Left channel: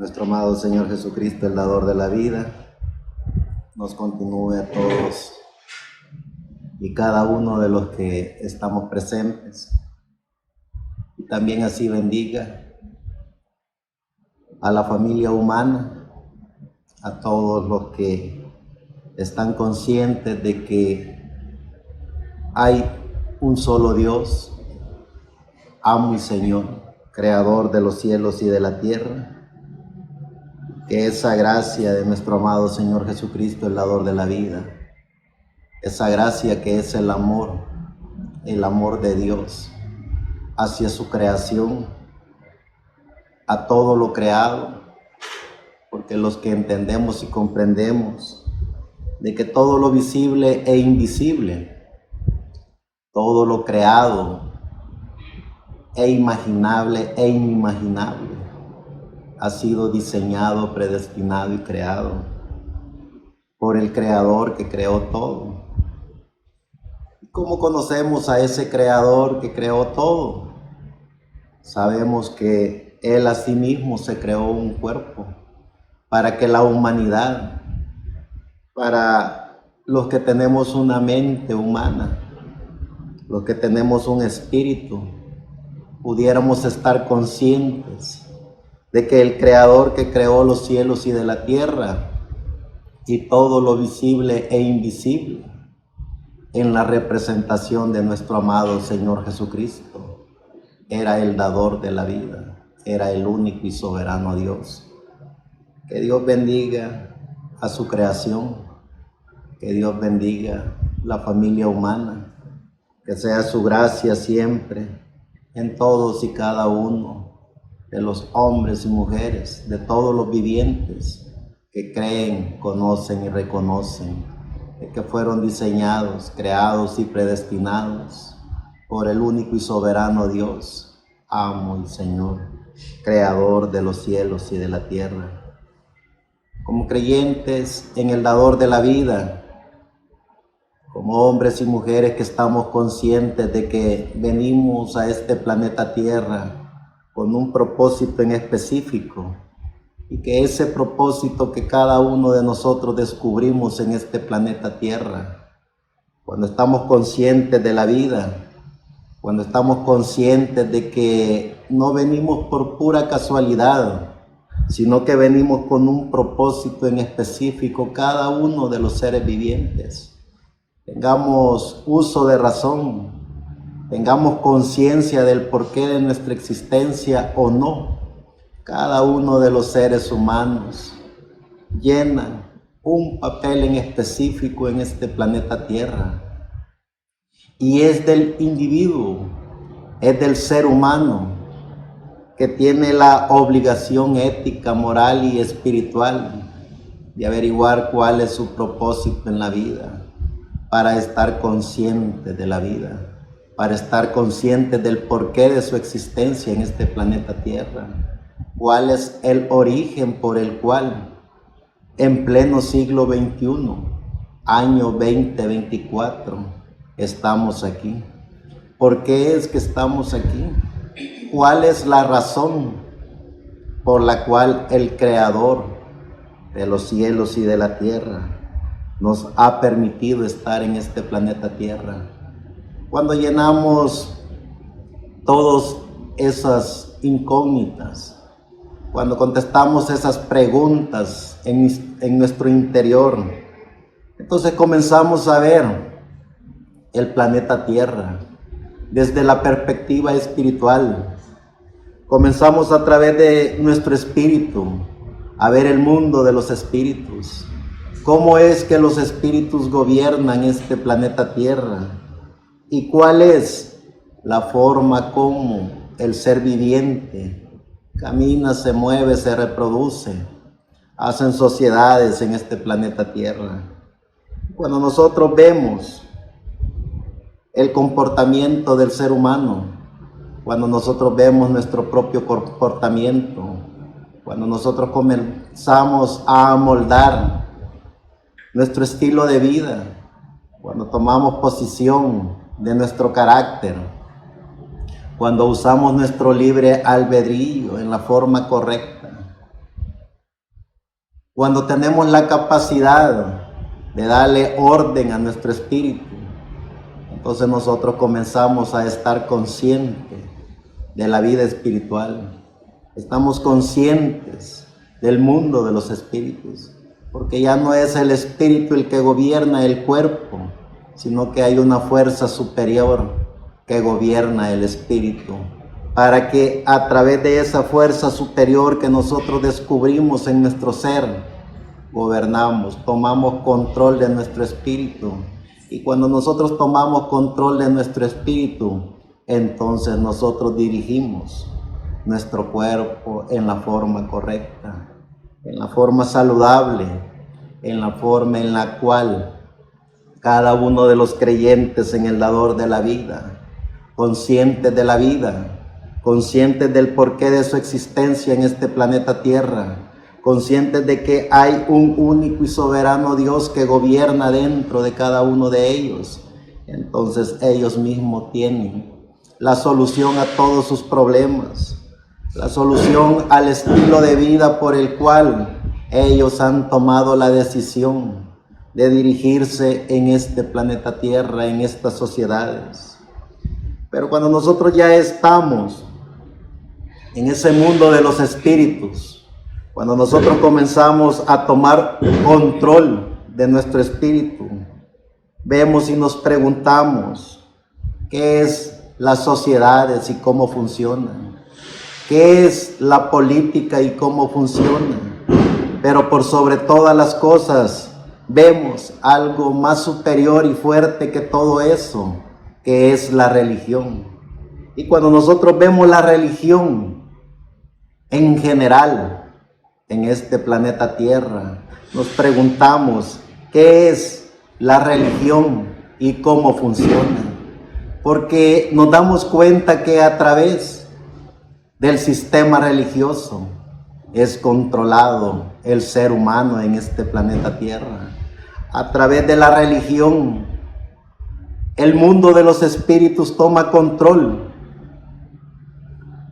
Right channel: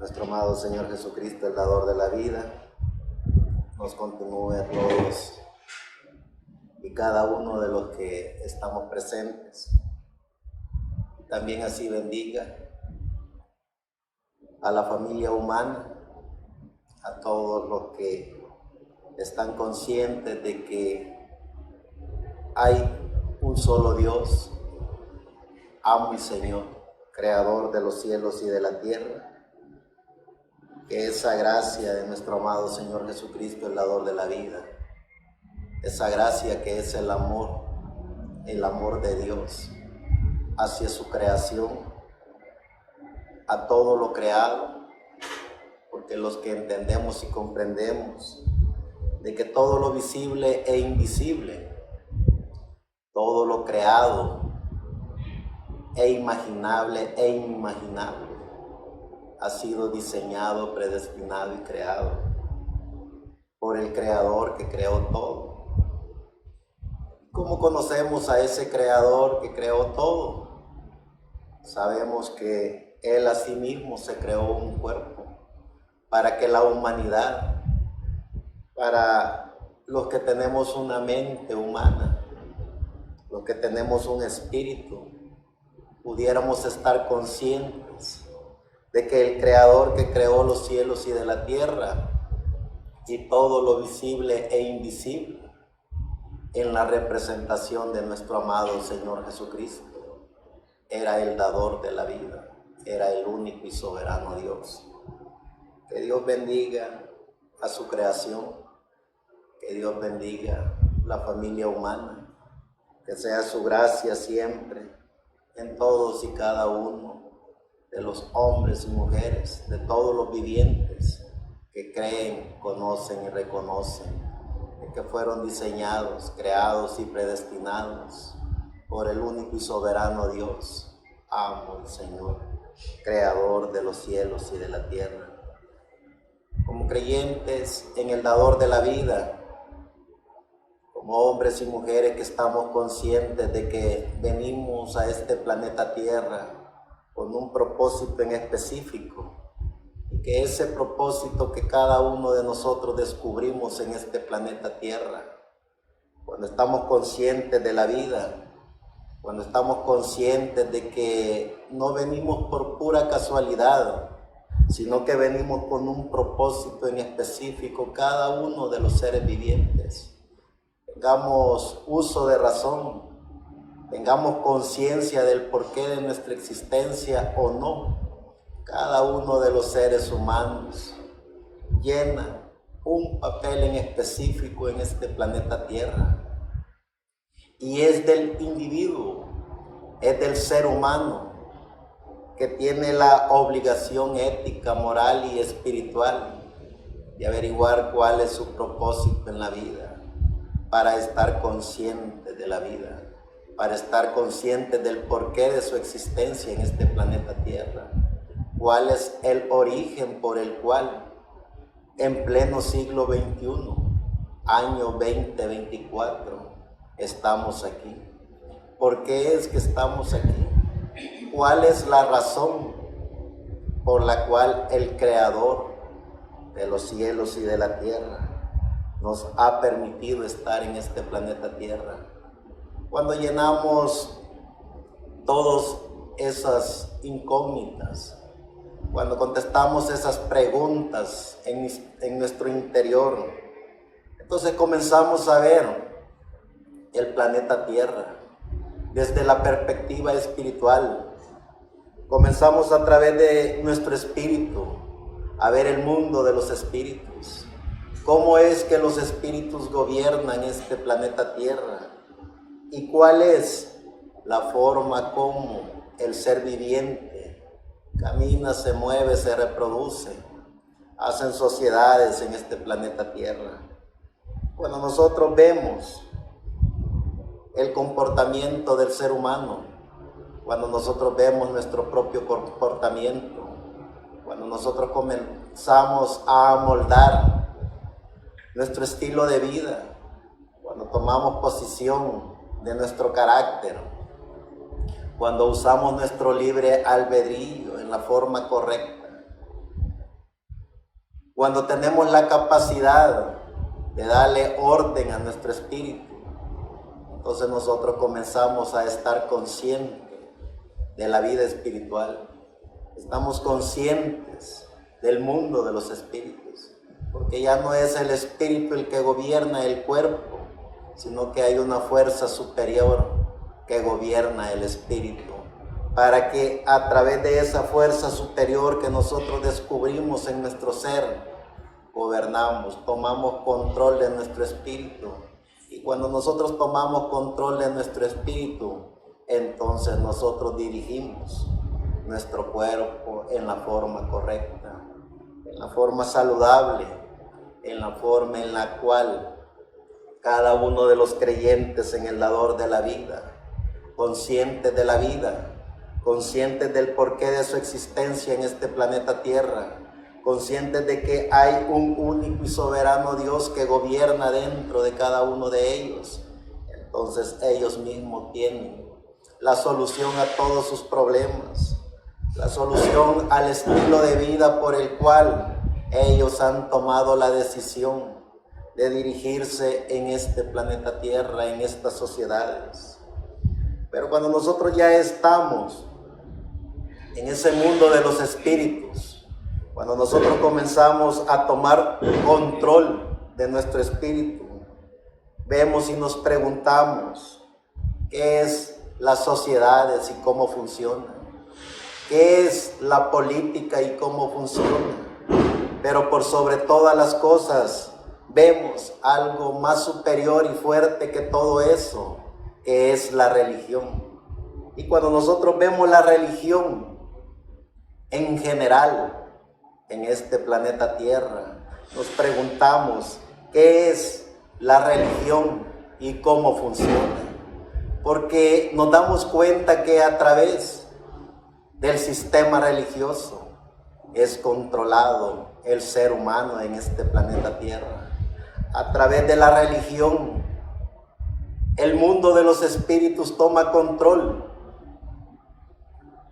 Nuestro amado Señor Jesucristo, el dador de la vida, nos continúe a todos y cada uno de los que estamos presentes. Y también así bendiga a la familia humana, a todos los que están conscientes de que hay un solo Dios, amo y Señor, creador de los cielos y de la tierra. Que esa gracia de nuestro amado Señor Jesucristo, el dador de la vida, esa gracia que es el amor de Dios hacia su creación, a todo lo creado, porque los que entendemos y comprendemos de que todo lo visible e invisible, todo lo creado e imaginable e inimaginable, ha sido diseñado, predestinado y creado por el Creador que creó todo. ¿Cómo conocemos a ese Creador que creó todo? Sabemos que Él a sí mismo se creó un cuerpo para que la humanidad, para los que tenemos una mente humana, los que tenemos un espíritu, pudiéramos estar conscientes de que el Creador que creó los cielos y de la tierra y todo lo visible e invisible en la representación de nuestro amado Señor Jesucristo, era el dador de la vida, era el único y soberano Dios. Que Dios bendiga a su creación, que Dios bendiga la familia humana, que sea su gracia siempre en todos y cada uno de los hombres y mujeres, de todos los vivientes que creen, conocen y reconocen de que fueron diseñados, creados y predestinados por el único y soberano Dios, amo y Señor, creador de los cielos y de la tierra. Como creyentes en el dador de la vida, como hombres y mujeres que estamos conscientes de que venimos a este planeta Tierra con un propósito en específico, y que ese propósito que cada uno de nosotros descubrimos en este planeta Tierra, cuando estamos conscientes de la vida, cuando estamos conscientes de que no venimos por pura casualidad, sino que venimos con un propósito en específico, cada uno de los seres vivientes, tengamos uso de razón, tengamos conciencia del porqué de nuestra existencia o no, cada uno de los seres humanos llena un papel en específico en este planeta Tierra. Y es del individuo, es del ser humano que tiene la obligación ética, moral y espiritual de averiguar cuál es su propósito en la vida, para estar consciente de la vida, para estar consciente del porqué de su existencia en este planeta Tierra, cuál es el origen por el cual en pleno siglo XXI, año 2024, estamos aquí. ¿Por qué es que estamos aquí? ¿Cuál es la razón por la cual el Creador de los cielos y de la tierra nos ha permitido estar en este planeta Tierra? Cuando llenamos todas esas incógnitas, cuando contestamos esas preguntas en nuestro interior, entonces comenzamos a ver el planeta Tierra desde la perspectiva espiritual. Comenzamos a través de nuestro espíritu a ver el mundo de los espíritus. ¿Cómo es que los espíritus gobiernan este planeta Tierra? ¿Y cuál es la forma como el ser viviente camina, se mueve, se reproduce, hacen sociedades en este planeta Tierra? Cuando nosotros vemos el comportamiento del ser humano, cuando nosotros vemos nuestro propio comportamiento, cuando nosotros comenzamos a amoldar nuestro estilo de vida, cuando tomamos posición de nuestro carácter, cuando usamos nuestro libre albedrío en la forma correcta, cuando tenemos la capacidad de darle orden a nuestro espíritu, entonces nosotros comenzamos a estar conscientes de la vida espiritual. Estamos conscientes del mundo de los espíritus, porque ya no es el espíritu el que gobierna el cuerpo, sino que hay una fuerza superior que gobierna el espíritu, para que a través de esa fuerza superior que nosotros descubrimos en nuestro ser, gobernamos, tomamos control de nuestro espíritu. Y cuando nosotros tomamos control de nuestro espíritu, entonces nosotros dirigimos nuestro cuerpo en la forma correcta, en la forma saludable, en la forma en la cual cada uno de los creyentes en el dador de la vida, conscientes de la vida, conscientes del porqué de su existencia en este planeta Tierra, conscientes de que hay un único y soberano Dios que gobierna dentro de cada uno de ellos, entonces ellos mismos tienen la solución a todos sus problemas, la solución al estilo de vida por el cual ellos han tomado la decisión de dirigirse en este planeta Tierra, en estas sociedades. Pero cuando nosotros ya estamos en ese mundo de los espíritus, cuando nosotros comenzamos a tomar control de nuestro espíritu, vemos y nos preguntamos qué es las sociedades y cómo funcionan, qué es la política y cómo funciona, pero por sobre todas las cosas vemos algo más superior y fuerte que todo eso, que es la religión. Y cuando nosotros vemos la religión en general, en este planeta Tierra, nos preguntamos qué es la religión y cómo funciona, porque nos damos cuenta que a través del sistema religioso es controlado el ser humano en este planeta Tierra. A través de la religión, el mundo de los espíritus toma control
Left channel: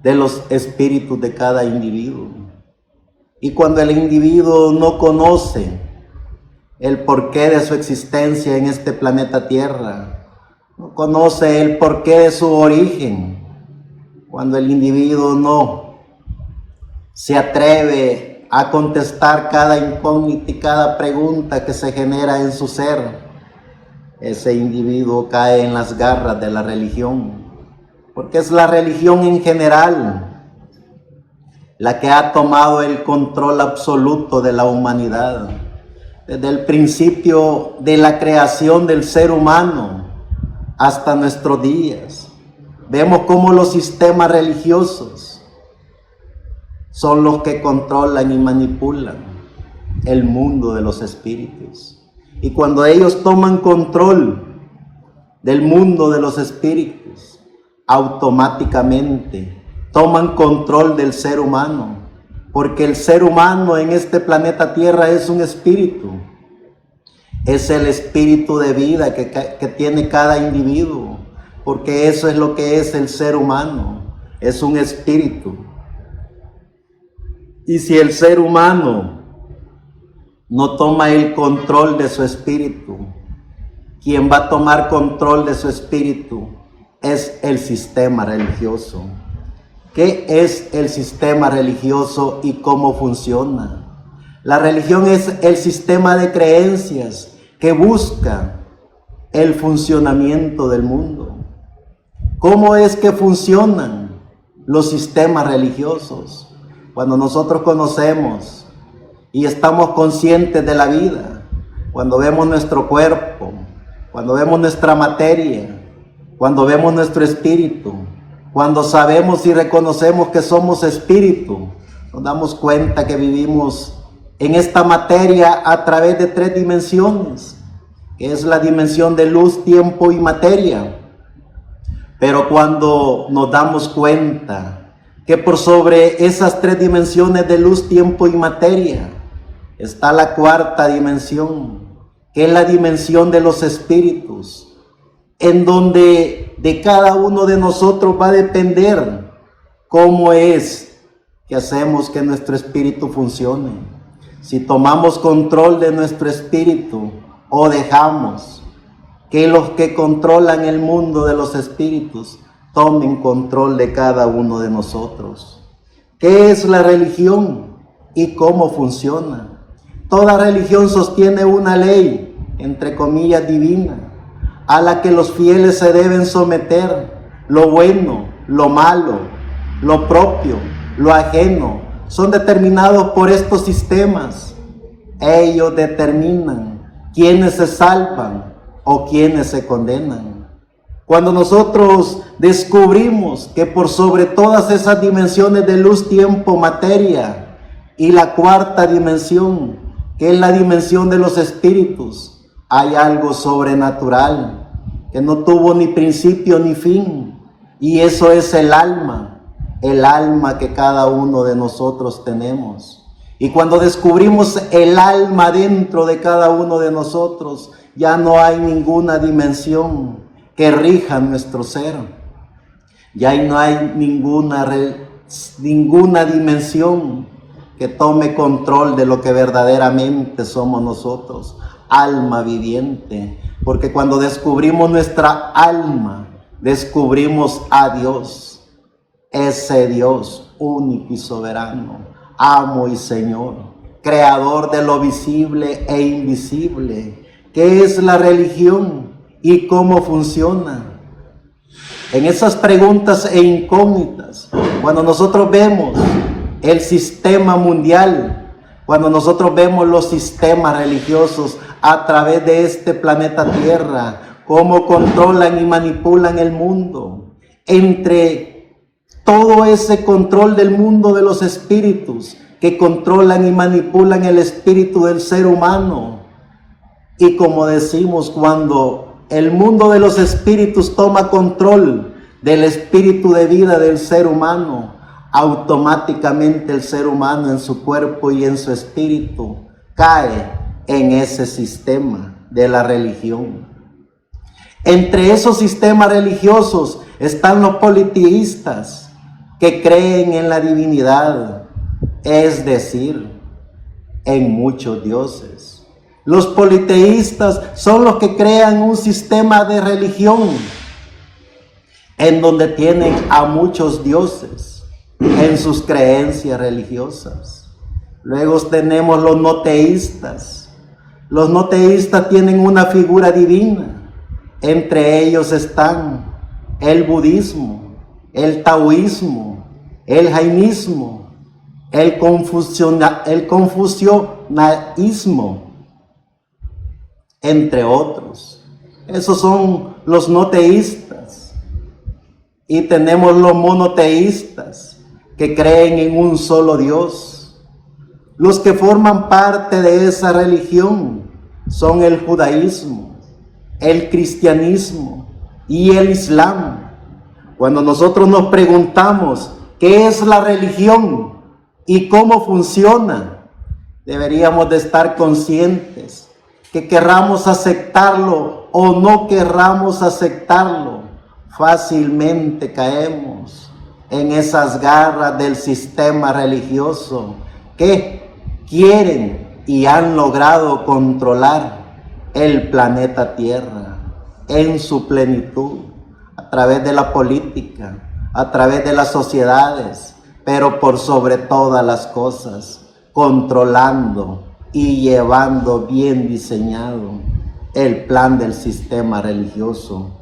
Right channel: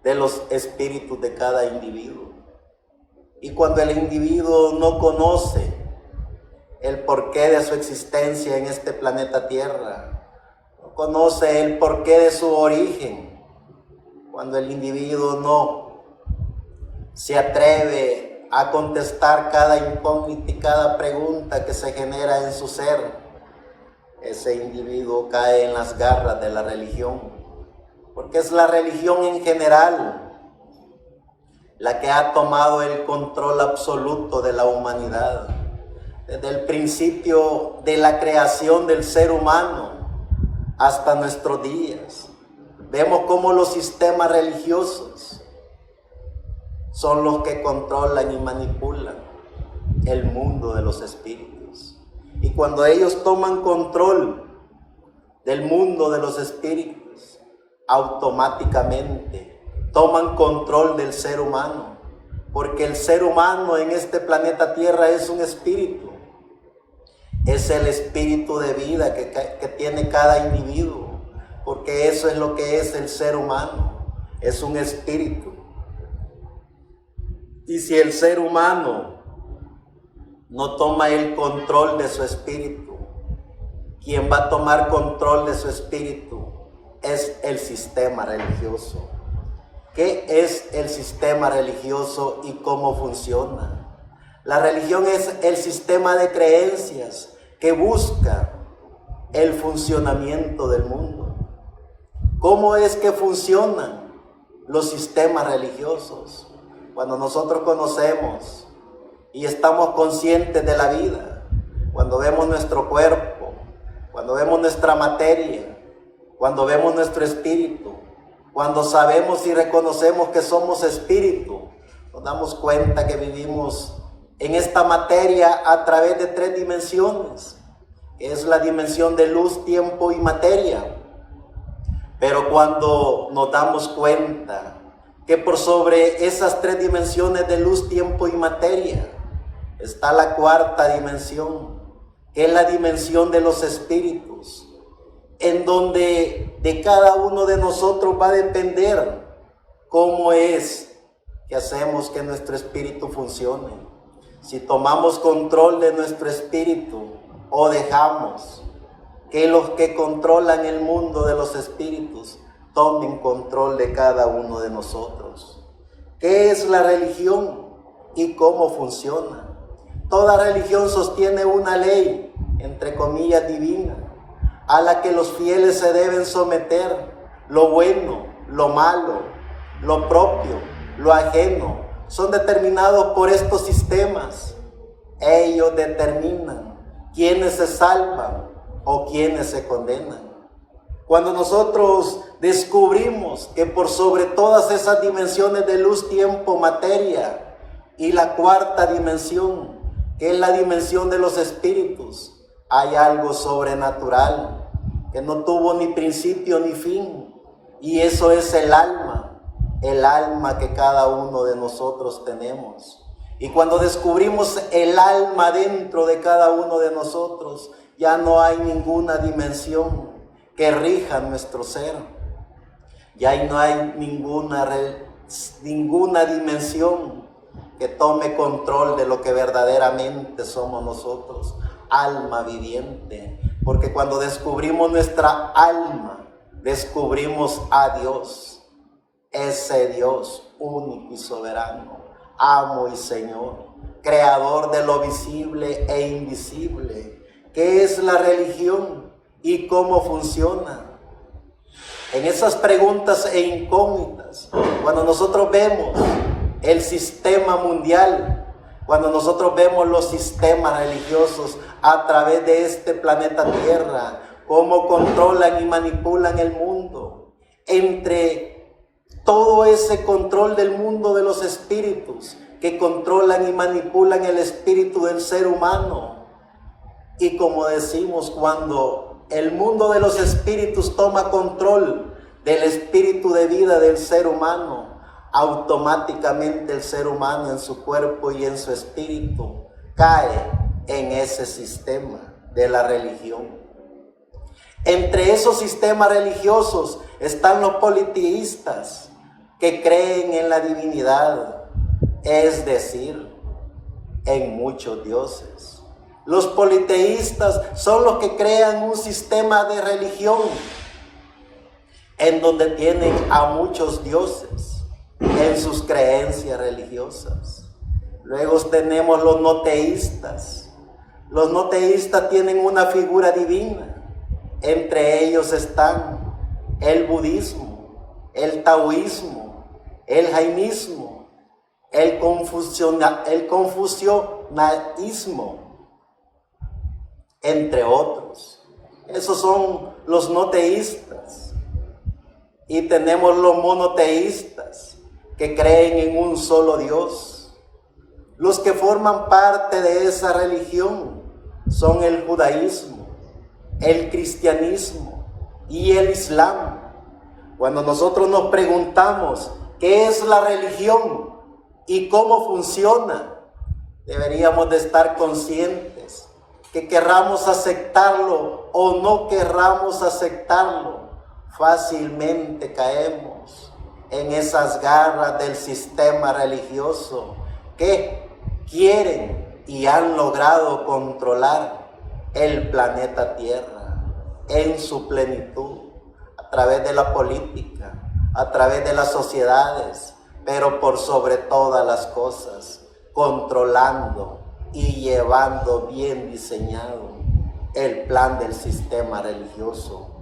de los espíritus de cada individuo. Y cuando el individuo no conoce el porqué de su existencia en este planeta Tierra, no conoce el porqué de su origen, cuando el individuo no se atreve a contestar cada incógnita y cada pregunta que se genera en su ser, ese individuo cae en las garras de la religión, porque es la religión en general la que ha tomado el control absoluto de la humanidad. Desde el principio de la creación del ser humano hasta nuestros días, vemos cómo los sistemas religiosos son los que controlan y manipulan el mundo de los espíritus. Y cuando ellos toman control del mundo de los espíritus, automáticamente toman control del ser humano, porque el ser humano en este planeta Tierra es un espíritu, es el espíritu de vida que tiene cada individuo, porque eso es lo que es el ser humano, es un espíritu. Y si el ser humano no toma el control de su espíritu, quien va a tomar control de su espíritu es el sistema religioso. ¿Qué es el sistema religioso y cómo funciona? La religión es el sistema de creencias que busca el funcionamiento del mundo. ¿Cómo es que funcionan los sistemas religiosos? Cuando nosotros conocemos y estamos conscientes de la vida, cuando vemos nuestro cuerpo, cuando vemos nuestra materia, cuando vemos nuestro espíritu, cuando sabemos y reconocemos que somos espíritu, nos damos cuenta que vivimos en esta materia a través de 3 dimensiones, que es la dimensión de luz, tiempo y materia. Pero cuando nos damos cuenta que por sobre esas 3 dimensiones de luz, tiempo y materia está la 4ª dimensión, que es la dimensión de los espíritus, en donde de cada uno de nosotros va a depender cómo es que hacemos que nuestro espíritu funcione. si tomamos control de nuestro espíritu o dejamos que los que controlan el mundo de los espíritus tomen control de cada uno de nosotros. ¿Qué es la religión y cómo funciona? Toda religión sostiene una ley, entre comillas, divina, a la que los fieles se deben someter. Lo bueno, lo malo, lo propio, lo ajeno, son determinados por estos sistemas. Ellos determinan quiénes se salvan o quiénes se condenan. Cuando nosotros descubrimos que por sobre todas esas dimensiones de luz, tiempo, materia y la cuarta dimensión, que es la dimensión de los espíritus, hay algo sobrenatural que no tuvo ni principio ni fin, y eso es el alma que cada uno de nosotros tenemos. Y cuando descubrimos el alma dentro de cada uno de nosotros, ya no hay ninguna dimensión que rija nuestro ser. Ya no hay ninguna dimensión que tome control de lo que verdaderamente somos nosotros, alma viviente. Porque cuando descubrimos nuestra alma, descubrimos a Dios, ese Dios único y soberano, amo y Señor, creador de lo visible e invisible. ¿Qué es la religión y cómo funciona? En esas preguntas e incógnitas, cuando nosotros vemos el sistema mundial, cuando nosotros vemos los sistemas religiosos a través de este planeta Tierra, cómo controlan y manipulan el mundo, entre todo ese control del mundo de los espíritus que controlan y manipulan el espíritu del ser humano. Y como decimos, cuando el mundo de los espíritus toma control del espíritu de vida del ser humano, automáticamente el ser humano en su cuerpo y en su espíritu cae en ese sistema de la religión. Entre esos sistemas religiosos están los politeístas, que creen en la divinidad, es decir, en muchos dioses. Los politeístas son los que crean un sistema de religión en donde tienen a muchos dioses en sus creencias religiosas. Luego tenemos los no teístas. Los no teístas tienen una figura divina. Entre ellos están el budismo, el taoísmo, el jainismo, el confucianismo, entre otros. Esos son los no teístas. Y tenemos los monoteístas, que creen en un solo Dios. Los que forman parte de esa religión son el judaísmo, el cristianismo y el islam. Cuando nosotros nos preguntamos qué es la religión y cómo funciona, deberíamos de estar conscientes que querramos aceptarlo o no querramos aceptarlo, fácilmente caemos en esas garras del sistema religioso que quieren y han logrado controlar el planeta Tierra en su plenitud, a través de la política, a través de las sociedades, pero por sobre todas las cosas, controlando y llevando bien diseñado el plan del sistema religioso.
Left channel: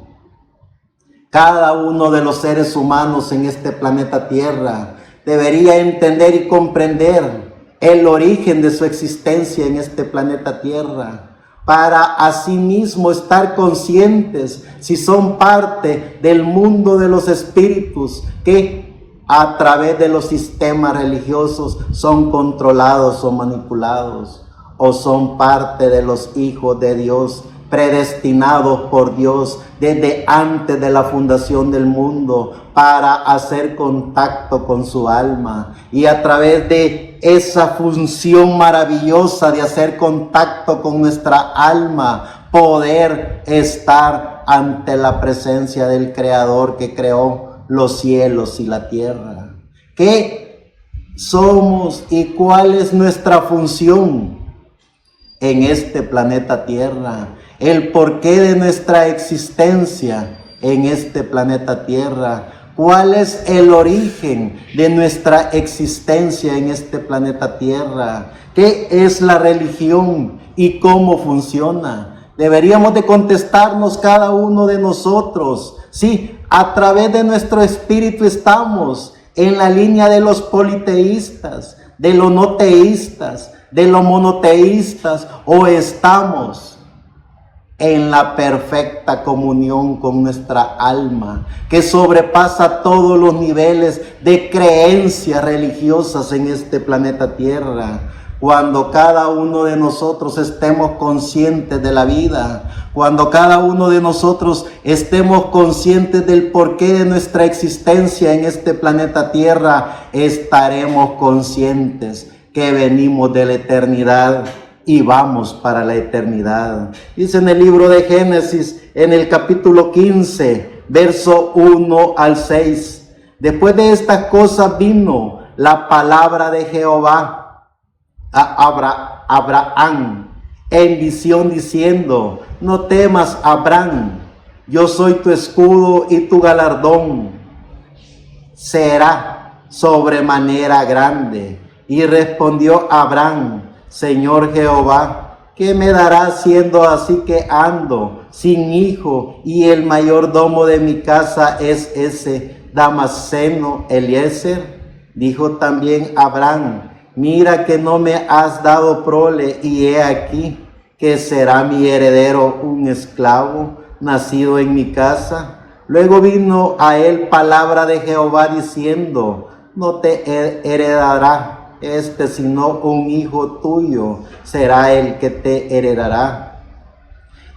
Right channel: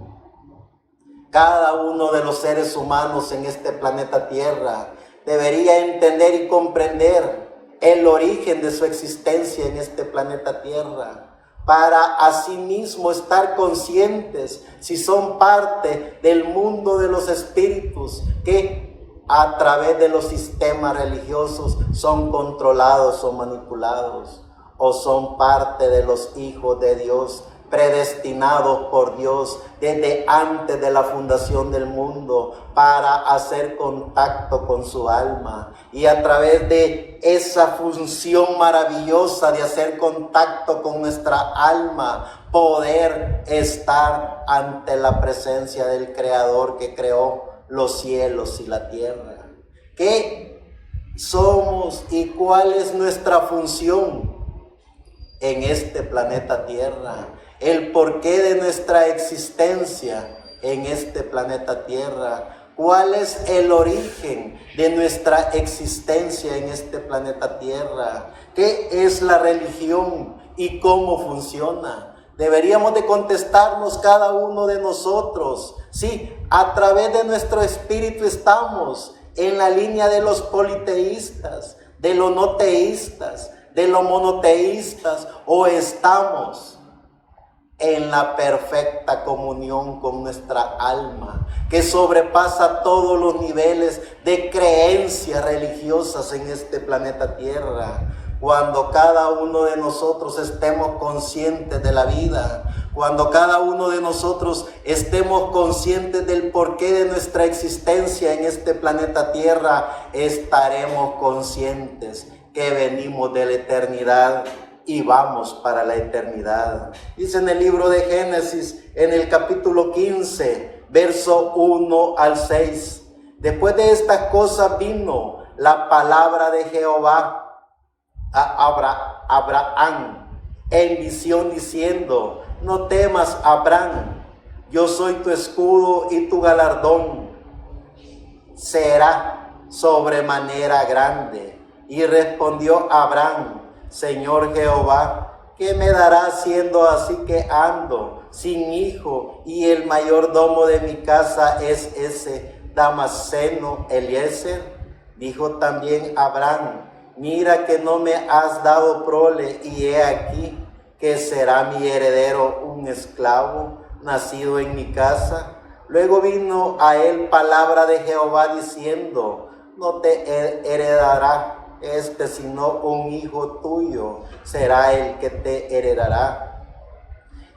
Cada uno de los seres humanos en este planeta Tierra debería entender y comprender el origen de su existencia en este planeta Tierra, para asimismo estar conscientes si son parte del mundo de los espíritus que a través de los sistemas religiosos son controlados o manipulados, o son parte de los hijos de Dios, predestinados por Dios desde antes de la fundación del mundo para hacer contacto con su alma, y a través de esa función maravillosa de hacer contacto con nuestra alma, poder estar ante la presencia del Creador que creó los cielos y la tierra. Que somos y cuál es nuestra función en este planeta Tierra, el porqué de nuestra existencia en este planeta Tierra, cuál es el origen de nuestra existencia en este planeta Tierra, qué es la religión y cómo funciona. Deberíamos de contestarnos cada uno de nosotros. Sí, a través de nuestro espíritu estamos en la línea de los politeístas, de los no teístas, de los monoteístas, o estamos en la perfecta comunión con nuestra alma, que sobrepasa todos los niveles de creencias religiosas en este planeta Tierra. Cuando cada uno de nosotros estemos conscientes de la vida, cuando cada uno de nosotros estemos conscientes del porqué de nuestra existencia en este planeta Tierra, estaremos conscientes que venimos de la eternidad y vamos para la eternidad. Dice en el libro de Génesis, en el capítulo 15, verso 1 al 6. Después de estas cosas vino la palabra de Jehová a Abraham en visión diciendo: no temas, Abraham, yo soy tu escudo y tu galardón será sobremanera grande. Y respondió Abraham: Señor Jehová, ¿qué me darás siendo así que ando sin hijo y el mayordomo de mi casa es ese Damaseno Eliezer? Dijo también Abraham: mira que no me has dado prole, y he aquí que será mi heredero un esclavo nacido en mi casa. Luego vino a él palabra de Jehová diciendo: no te heredará sino un hijo tuyo será el que te heredará.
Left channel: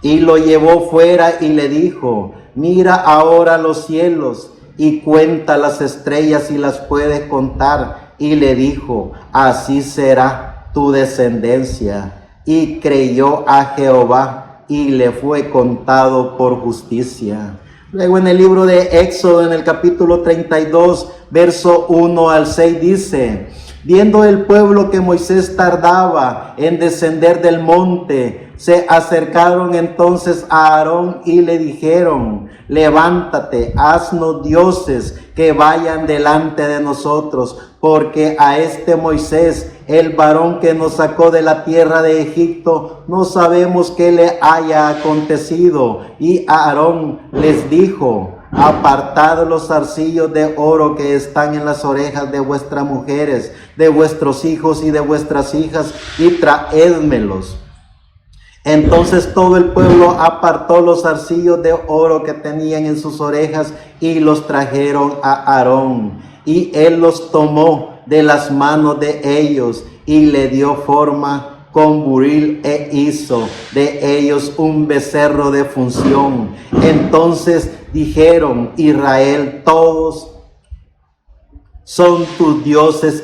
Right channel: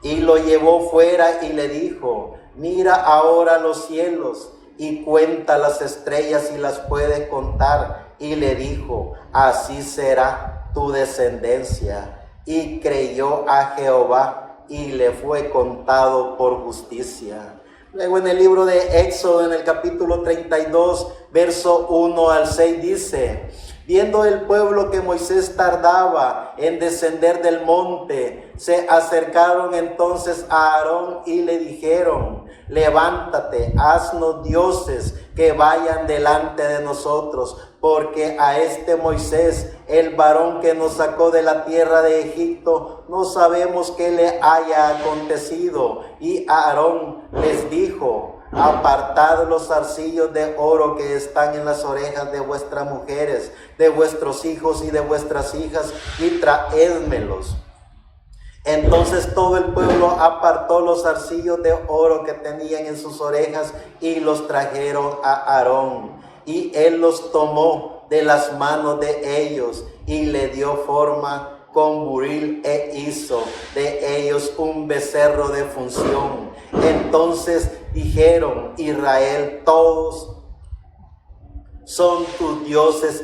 Y lo llevó fuera y le dijo: mira ahora los cielos y cuenta las estrellas si las puedes contar. Y le dijo: así será tu descendencia. Y creyó a Jehová y le fue contado por justicia. Luego en el libro de Éxodo, en el capítulo 32, verso 1 al 6 dice: viendo el pueblo que Moisés tardaba en descender del monte, se acercaron entonces a Aarón y le dijeron: levántate, haznos dioses que vayan delante de nosotros, porque a este Moisés, el varón que nos sacó de la tierra de Egipto, no sabemos qué le haya acontecido. Y Aarón les dijo: apartad los zarcillos de oro que están en las orejas de vuestras mujeres, de vuestros hijos y de vuestras hijas, y traédmelos. Entonces todo el pueblo apartó los zarcillos de oro que tenían en sus orejas y los trajeron a Aarón. Y él los tomó de las manos de ellos y le dio forma con buril e hizo de ellos un becerro de función. Entonces dijeron: Israel, todos son tus dioses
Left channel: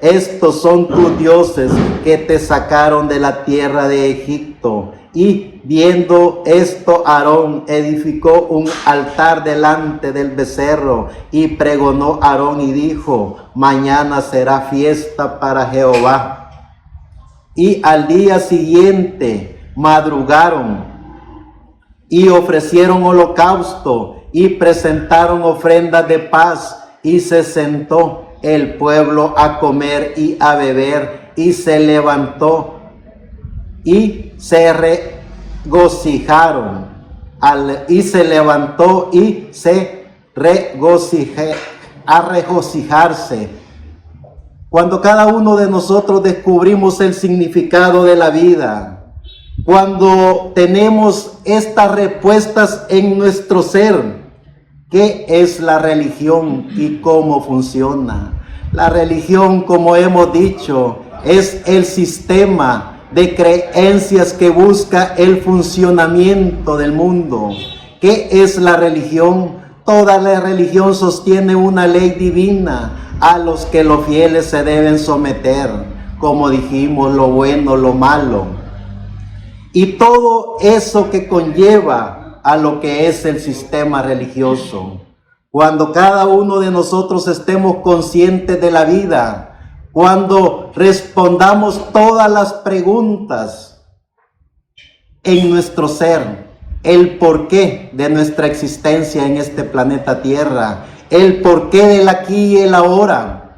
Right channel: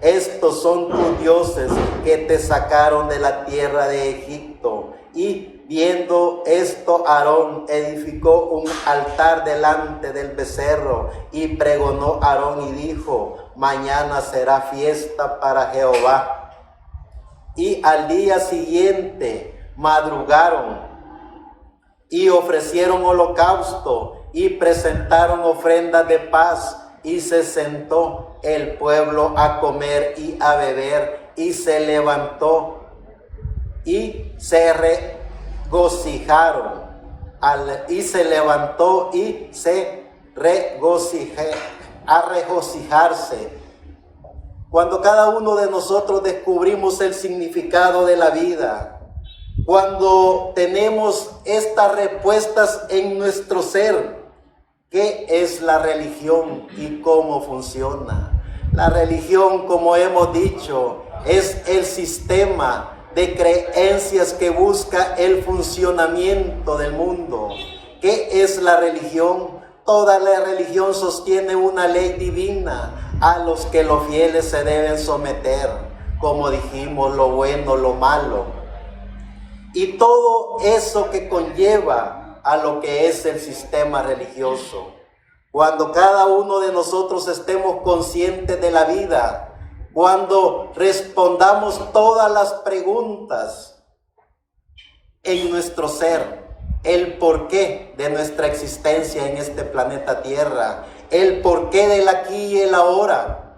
estos son tus dioses que te sacaron de la tierra de Egipto. Y viendo esto, Aarón edificó un altar delante del becerro y pregonó Aarón y dijo: mañana será fiesta para Jehová. Y al día siguiente madrugaron y ofrecieron holocausto y presentaron ofrendas de paz, y se sentó el pueblo a comer y a beber, y se levantó y se regocijaron. Y se levantó y se a regocijarse. Cuando cada uno de nosotros descubrimos el significado de la vida, cuando tenemos estas respuestas en nuestro ser, ¿qué es la religión y cómo funciona? La religión, como hemos dicho, es el sistema de creencias que busca el funcionamiento del mundo. ¿Qué es la religión? Toda la religión sostiene una ley divina a los que los fieles se deben someter, como dijimos, lo bueno, lo malo. Y todo eso que conlleva a lo que es el sistema religioso. cuando cada uno de nosotros estemos conscientes de la vida, cuando respondamos todas las preguntas en nuestro ser, el porqué de nuestra existencia en este planeta Tierra, el porqué del aquí y el ahora,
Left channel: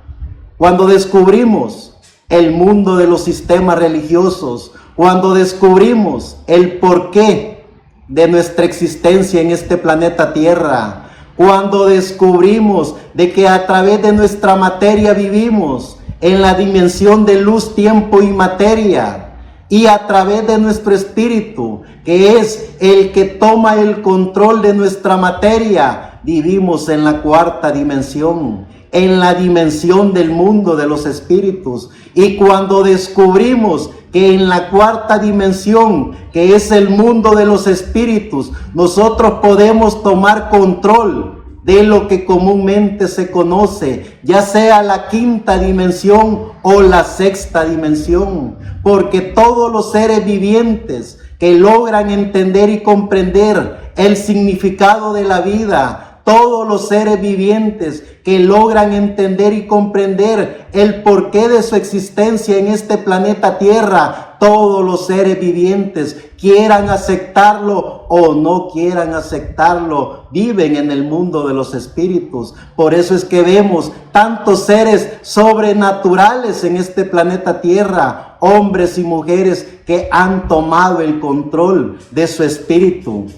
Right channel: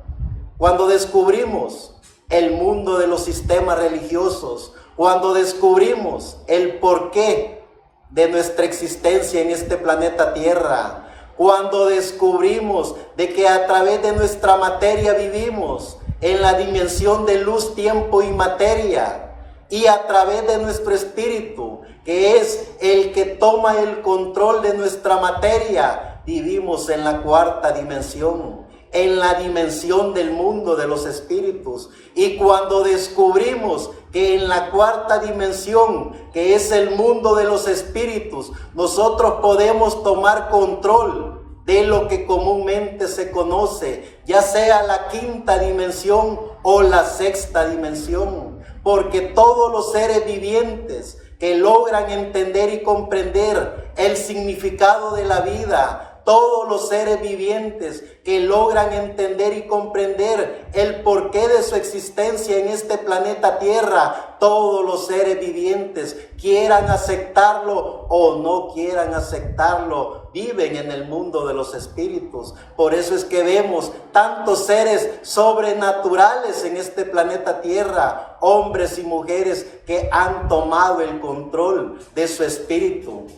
cuando descubrimos el mundo de los sistemas religiosos, cuando descubrimos el porqué de nuestra existencia en este planeta Tierra, cuando descubrimos de que a través de nuestra materia vivimos en la dimensión de luz, tiempo y materia, y a través de nuestro espíritu, que es el que toma el control de nuestra materia, vivimos en la cuarta dimensión, en la dimensión del mundo de los espíritus. Y cuando descubrimos que en la cuarta dimensión, que es el mundo de los espíritus, nosotros podemos tomar control de lo que comúnmente se conoce, ya sea la quinta dimensión o la sexta dimensión, porque todos los seres vivientes que logran entender y comprender el significado de la vida, todos los seres vivientes que logran entender y comprender el porqué de su existencia en este planeta Tierra, todos los seres vivientes, quieran aceptarlo o no quieran aceptarlo, viven en el mundo de los espíritus. Por eso es que vemos tantos seres sobrenaturales en este planeta Tierra, hombres y mujeres que han tomado el control de su espíritu.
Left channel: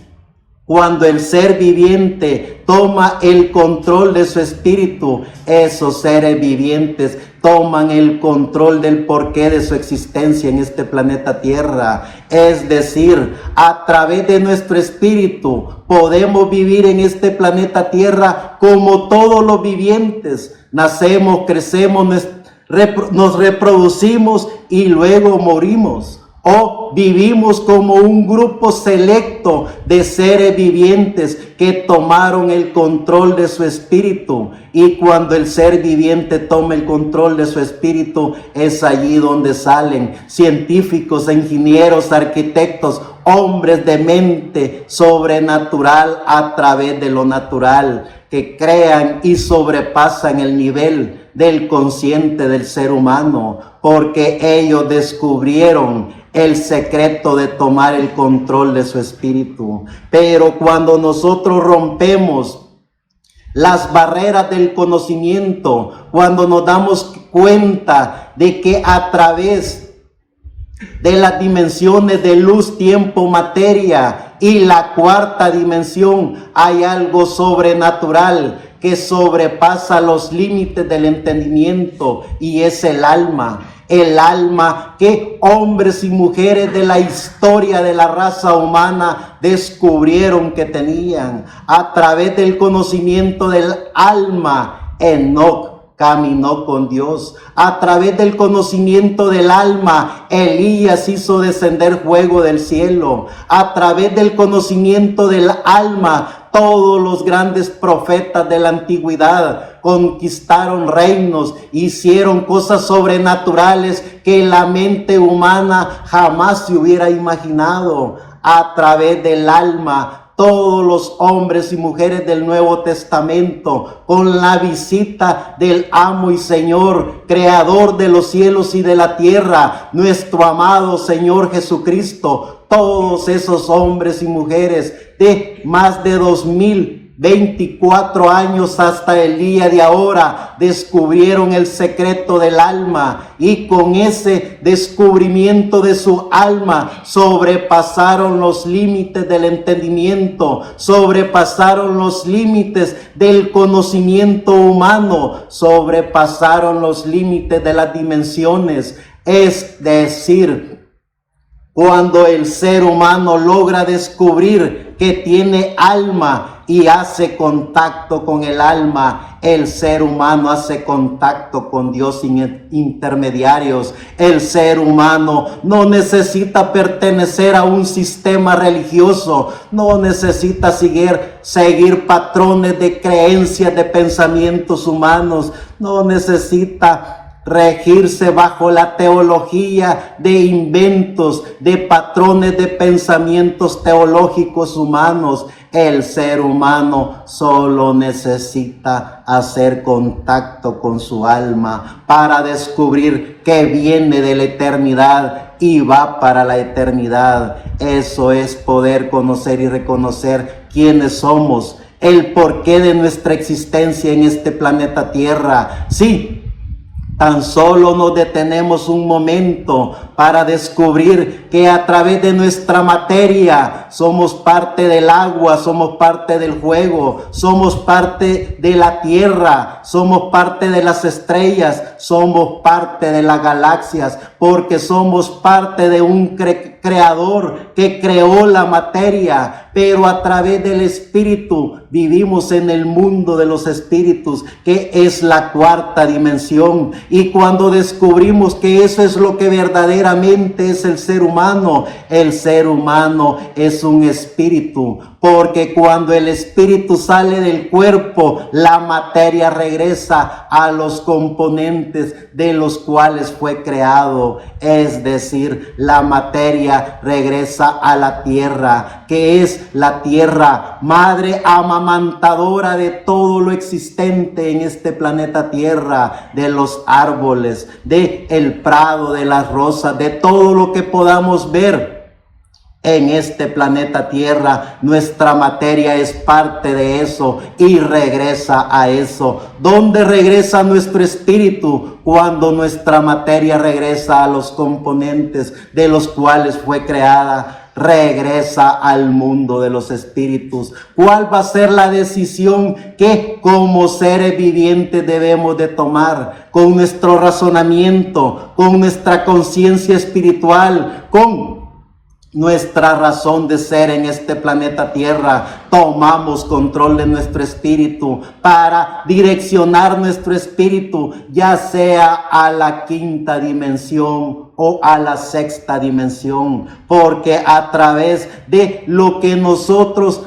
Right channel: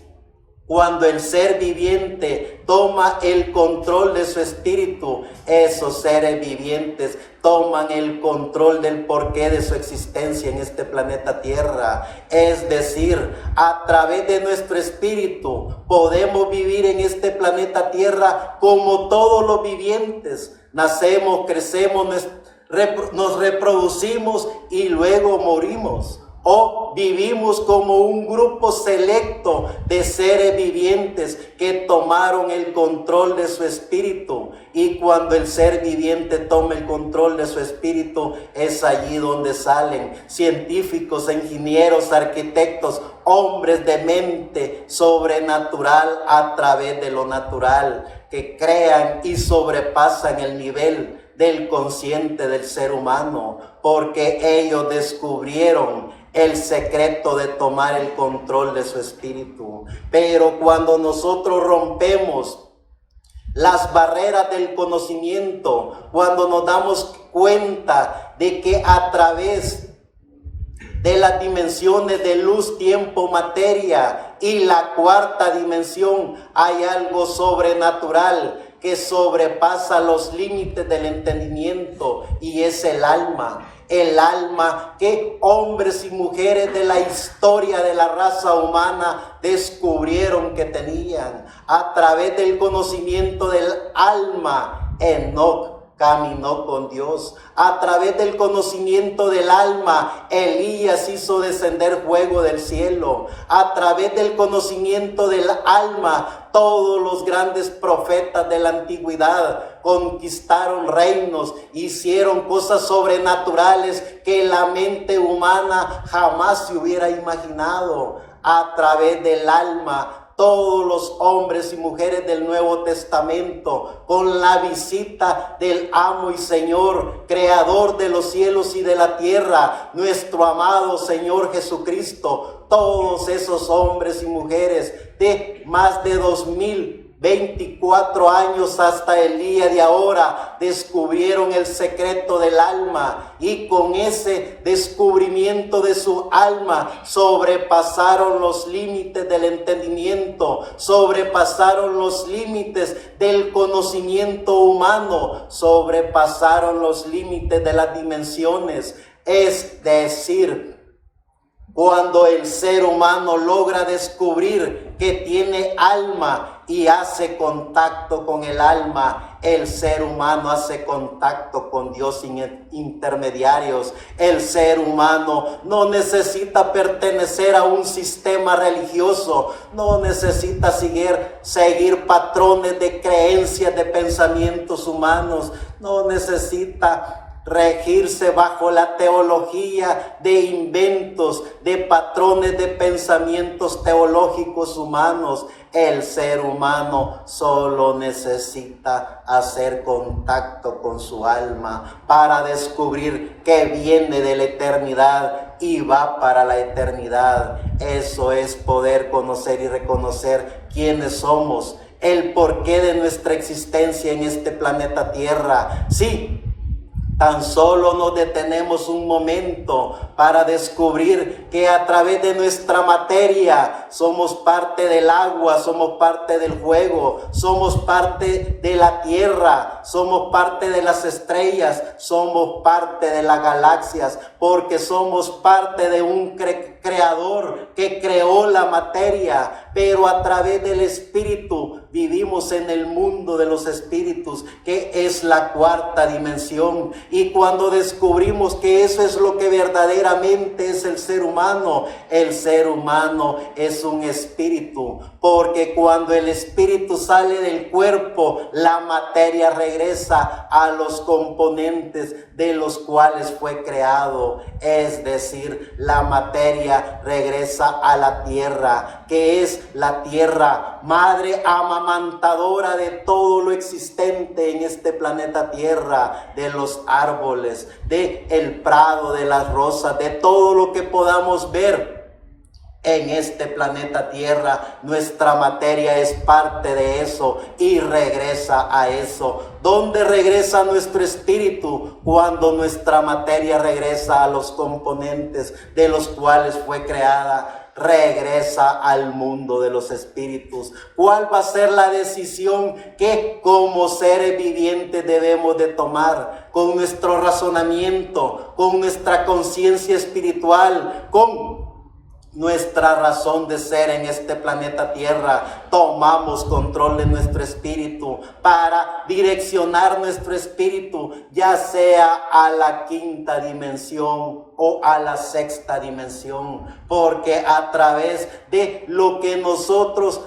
Cuando el ser viviente toma el control de su espíritu, esos seres vivientes toman el control del porqué de su existencia en este planeta Tierra. Es decir, a través de nuestro espíritu podemos vivir en este planeta Tierra como todos los vivientes. Nacemos, crecemos, nos reproducimos y luego morimos. O vivimos como un grupo selecto de seres vivientes que tomaron el control de su espíritu. Y cuando el ser viviente toma el control de su espíritu, es allí donde salen científicos, ingenieros, arquitectos, hombres de mente sobrenatural a través de lo natural, que crean y sobrepasan el nivel del consciente del ser humano, porque ellos descubrieron el secreto de tomar el control de su espíritu. Pero cuando nosotros rompemos las barreras del conocimiento, cuando nos damos cuenta de que a través de las dimensiones de luz, tiempo, materia y la cuarta dimensión hay algo sobrenatural que sobrepasa los límites del entendimiento, y es el alma. El alma que hombres y mujeres de la historia de la raza humana descubrieron que tenían. A través del conocimiento del alma, Enoc caminó con Dios. A través del conocimiento del alma, Elías hizo descender fuego del cielo. A través del conocimiento del alma, todos los grandes profetas de la antigüedad conquistaron reinos, hicieron cosas sobrenaturales que la mente humana jamás se hubiera imaginado. A través del alma, todos los hombres y mujeres del Nuevo Testamento, con la visita del amo y Señor, creador de los cielos y de la tierra, nuestro amado Señor Jesucristo, todos esos hombres y mujeres de más de 2024 años hasta el día de ahora descubrieron el secreto del alma, y con ese descubrimiento de su alma sobrepasaron los límites del entendimiento, sobrepasaron los límites del conocimiento humano, sobrepasaron los límites de las dimensiones. Es decir, cuando el ser humano logra descubrir que tiene alma y hace contacto con el alma, el ser humano hace contacto con Dios sin intermediarios. El ser humano no necesita pertenecer a un sistema religioso, no necesita seguir patrones de creencias, de pensamientos humanos, no necesita regirse bajo la teología de inventos, de patrones de pensamientos teológicos humanos. El ser humano solo necesita hacer contacto con su alma para descubrir que viene de la eternidad y va para la eternidad. Eso es poder conocer y reconocer quiénes somos, el porqué de nuestra existencia en este planeta Tierra. Sí, tan solo nos detenemos un momento para descubrir que a través de nuestra materia somos parte del agua, somos parte del fuego, somos parte de la tierra, somos parte de las estrellas, somos parte de las galaxias, porque somos parte de un creador que creó la materia, pero a través del espíritu vivimos en el mundo de los espíritus, que es la cuarta dimensión. Y cuando descubrimos que eso es lo que verdaderamente es el ser humano es un espíritu, porque cuando el espíritu sale del cuerpo, la materia regresa a los componentes de los cuales fue creado. Es decir, la materia regresa a la tierra, que es la tierra madre amamantadora de todo lo existente en este planeta Tierra, de los árboles, de el prado, de las rosas, de todo lo que podamos ver en este planeta Tierra. Nuestra materia es parte de eso y regresa a eso. ¿Dónde regresa nuestro espíritu? Cuando nuestra materia regresa a los componentes de los cuales fue creada. Regresa al mundo de los espíritus. ¿Cuál va a ser la decisión que como seres vivientes debemos de tomar? Con nuestro razonamiento, con nuestra conciencia espiritual, con nuestra razón de ser en este planeta Tierra, tomamos control de nuestro espíritu para direccionar nuestro espíritu, ya sea a la quinta dimensión o a la sexta dimensión, porque a través de lo que nosotros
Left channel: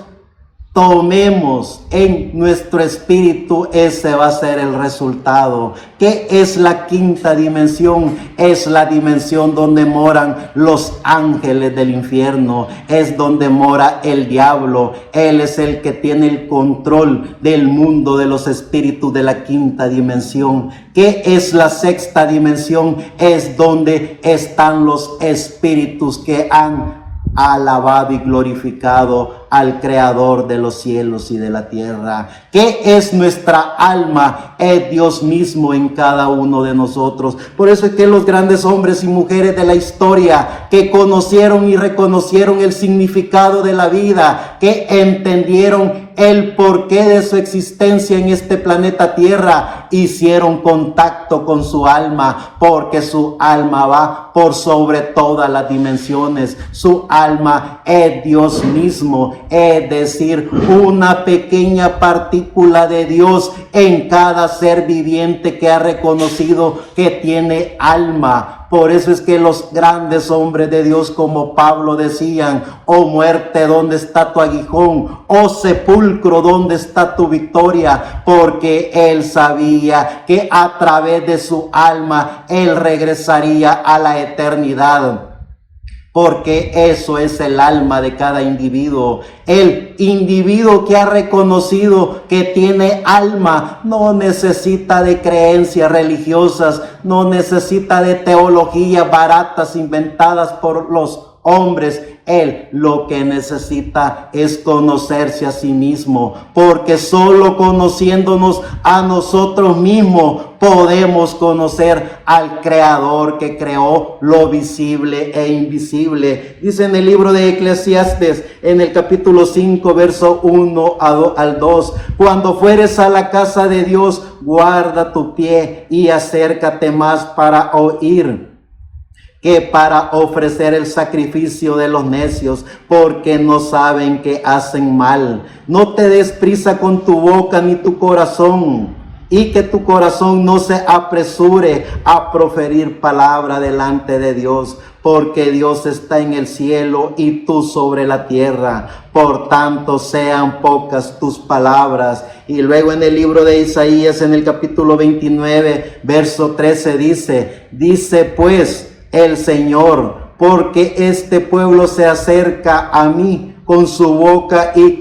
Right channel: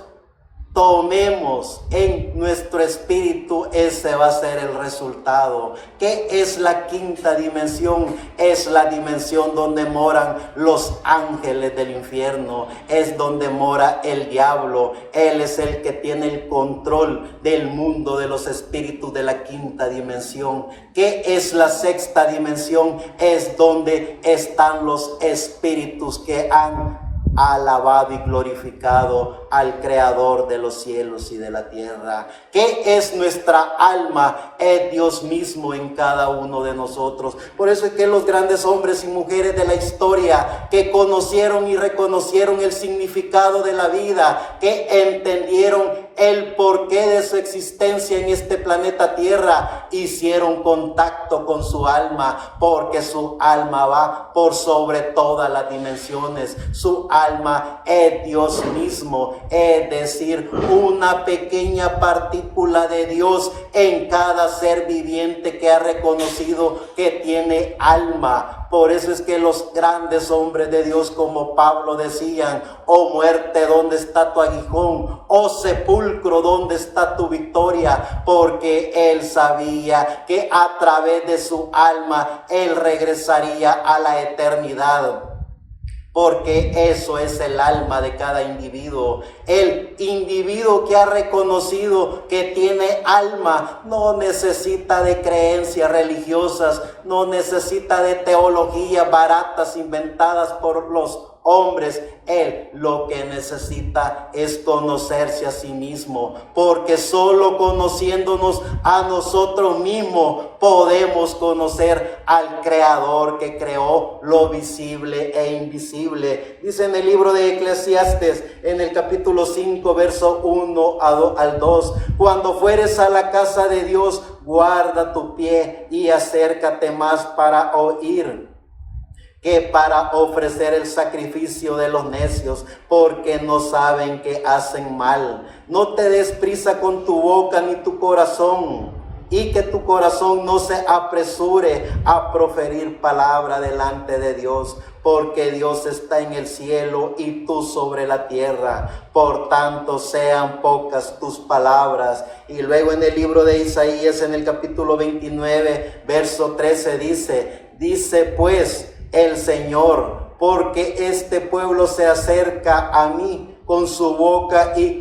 tomemos en nuestro espíritu, ese va a ser el resultado. ¿Qué es la quinta dimensión? Es la dimensión donde moran los ángeles del infierno, es donde mora el diablo. Él es el que tiene el control del mundo de los espíritus de la quinta dimensión. ¿Qué es la sexta dimensión? Es donde están los espíritus que han alabado y glorificado al Creador de los cielos y de la tierra. ¿Qué es nuestra alma? Es Dios mismo en cada uno de nosotros. Por eso es que los grandes hombres y mujeres de la historia que conocieron y reconocieron el significado de la vida, que entendieron el porqué de su existencia en este planeta Tierra, hicieron contacto con su alma, porque su alma va por sobre todas las dimensiones. Su alma es Dios mismo, es decir, una pequeña partícula de Dios en cada ser viviente que ha reconocido que tiene alma. Por eso es que los grandes hombres de Dios como Pablo decían: oh muerte, ¿dónde está tu aguijón? Oh sepulcro, ¿dónde está tu victoria? Porque él sabía que a través de su alma él regresaría a la eternidad. Porque eso es el alma de cada individuo. El individuo que ha reconocido que tiene alma no necesita de creencias religiosas, no necesita de teologías baratas inventadas por los hombres. Él lo que necesita es conocerse a sí mismo, porque solo conociéndonos a nosotros mismos podemos conocer al Creador que creó lo visible e invisible. Dice en el libro de Eclesiastes, en el capítulo 5, verso 1 al 2, cuando fueres a la casa de Dios, guarda tu pie y acércate más para oír que para ofrecer el sacrificio de los necios, porque no saben que hacen mal. No te des prisa con tu boca ni tu corazón, y que tu corazón no se apresure a proferir palabra delante de Dios, porque Dios está en el cielo y tú sobre la tierra. Por tanto, sean pocas tus palabras. Y luego en el libro de Isaías, en el capítulo 29, verso 13, dice pues el Señor: porque este pueblo se acerca a mí con su boca y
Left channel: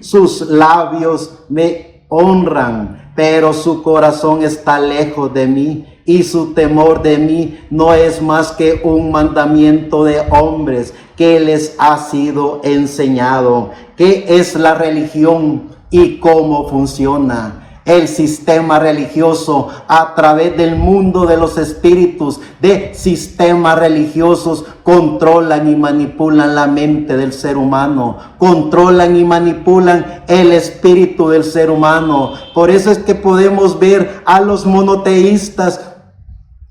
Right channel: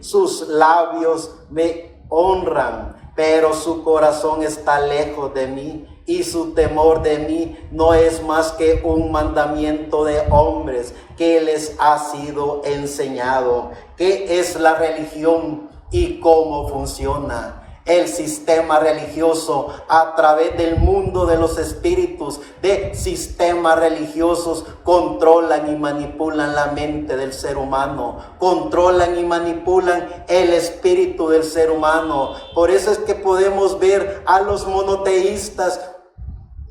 sus labios me honran, pero su corazón está lejos de mí y su temor de mí no es más que un mandamiento de hombres que les ha sido enseñado. ¿Qué es la religión y cómo funciona? El sistema religioso a través del mundo de los espíritus, de sistemas religiosos, controlan y manipulan la mente del ser humano, controlan y manipulan el espíritu del ser humano. Por eso es que podemos ver a los monoteístas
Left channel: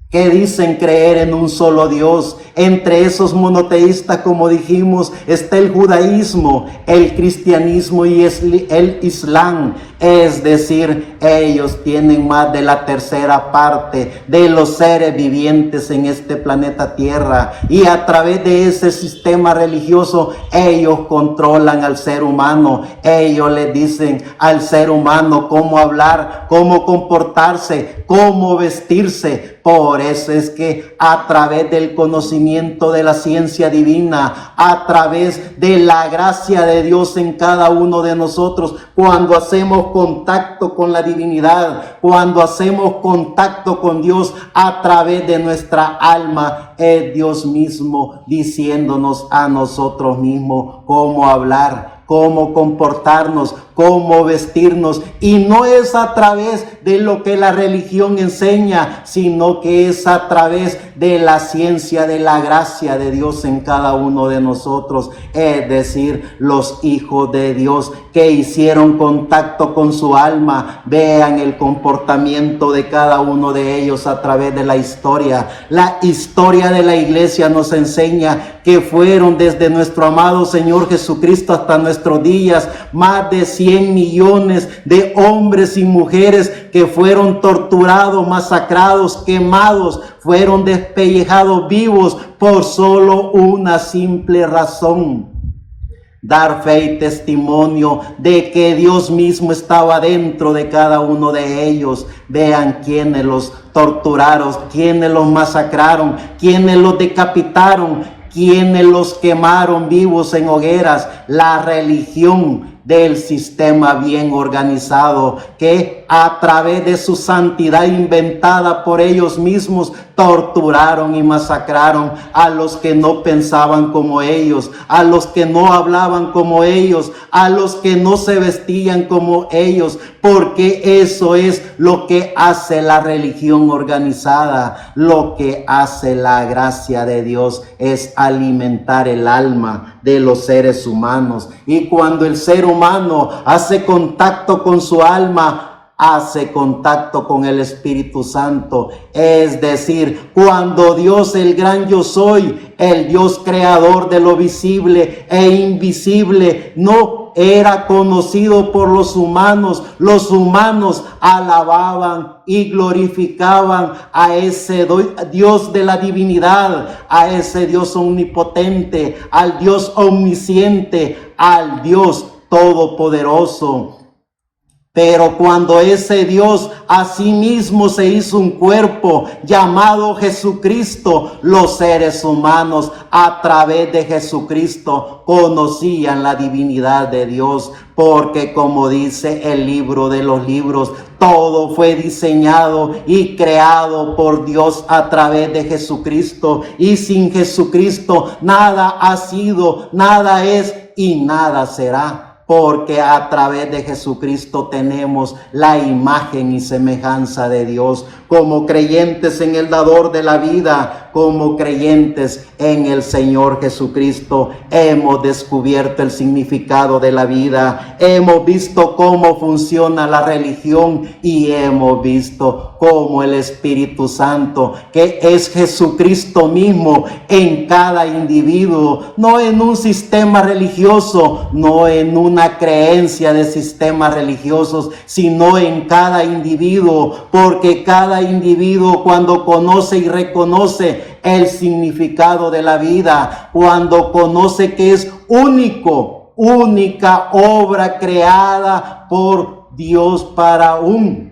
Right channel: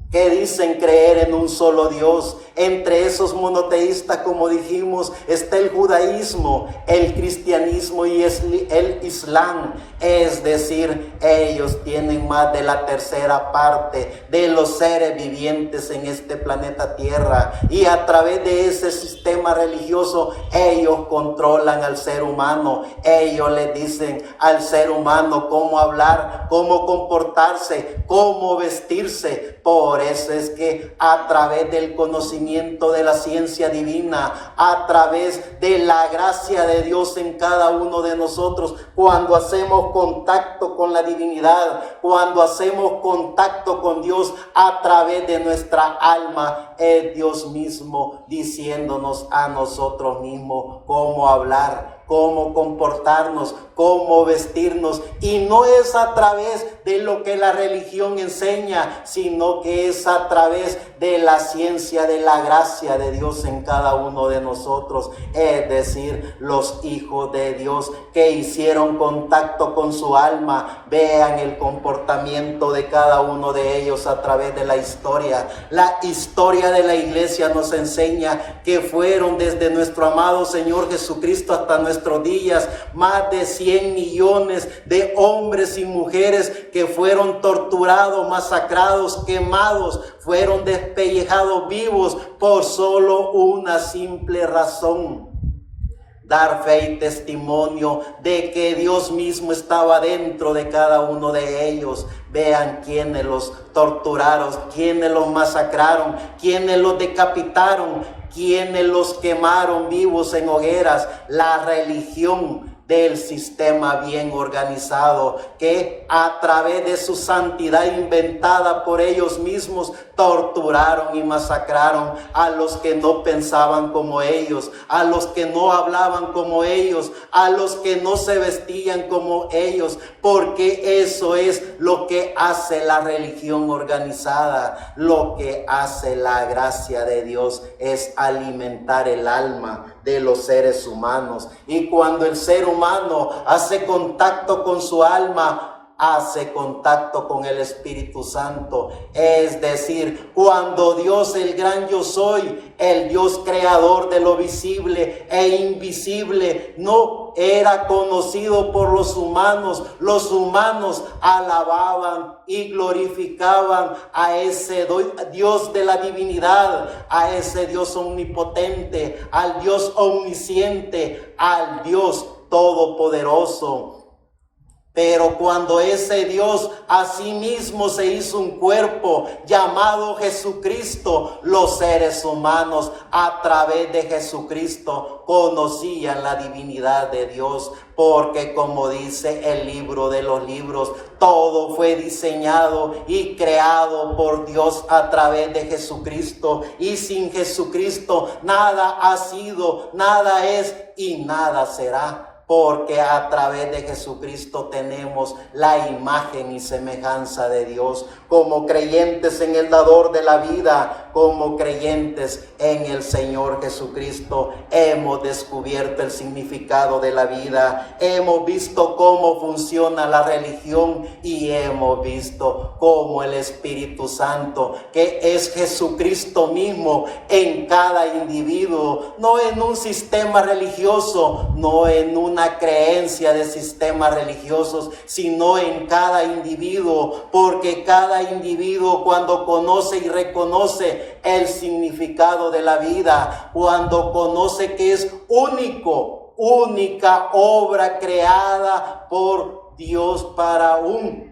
que dicen creer en un solo Dios. Entre esos monoteístas, como dijimos, está el judaísmo, el cristianismo y el islam. Es decir, ellos tienen más de la tercera parte de los seres vivientes en este planeta Tierra. Y a través de ese sistema religioso, ellos controlan al ser humano. Ellos le dicen al ser humano cómo hablar, cómo comportarse, cómo vestirse. Por eso es que a través del conocimiento de la ciencia divina, a través de la gracia de Dios en cada uno de nosotros, cuando hacemos contacto con la divinidad, cuando hacemos contacto con Dios a través de nuestra alma, es Dios mismo diciéndonos a nosotros mismos cómo hablar, cómo comportarnos, cómo vestirnos. Y no es a través de lo que la religión enseña, sino que es a través de la ciencia, de la gracia de Dios en cada uno de nosotros. Es decir, los hijos de Dios que hicieron contacto con su alma, vean el comportamiento de cada uno de ellos a través de la historia. La historia de la iglesia nos enseña que fueron desde nuestro amado Señor Jesucristo hasta nuestros días más de 100 millones de hombres y mujeres que fueron torturados, masacrados, quemados, fueron despellejados vivos por solo una simple razón: dar fe y testimonio de que Dios mismo estaba dentro de cada uno de ellos. Vean quiénes los torturaron, quiénes los masacraron, quiénes los decapitaron, quiénes los quemaron vivos en hogueras. La religión del sistema bien organizado que a través de su santidad inventada por ellos mismos torturaron y masacraron a los que no pensaban como ellos, a los que no hablaban como ellos, a los que no se vestían como ellos, porque eso es lo que hace la religión organizada. Lo que hace la gracia de Dios es alimentar el alma de los seres humanos, y cuando el ser humano hace contacto con su alma, hace contacto con el Espíritu Santo. Es decir, cuando Dios, el gran yo soy, el Dios creador de lo visible e invisible, no era conocido por los humanos alababan y glorificaban a ese Dios de la divinidad, a ese Dios omnipotente, al Dios omnisciente, al Dios todopoderoso. Pero cuando ese Dios a sí mismo se hizo un cuerpo llamado Jesucristo, los seres humanos a través de Jesucristo conocían la divinidad de Dios, porque como dice el libro de los libros, todo fue diseñado y creado por Dios a través de Jesucristo, y sin Jesucristo nada ha sido, nada es y nada será. Porque a través de Jesucristo tenemos la imagen y semejanza de Dios. Como creyentes en el dador de la vida, como creyentes en el Señor Jesucristo, hemos descubierto el significado de la vida. Hemos visto cómo funciona la religión y hemos visto cómo el Espíritu Santo, que es Jesucristo mismo en cada individuo, no en un sistema religioso, no en una creencia de sistemas religiosos, sino en cada individuo, porque cada individuo, cuando conoce y reconoce el significado de la vida, cuando conoce que es única obra creada por Dios para un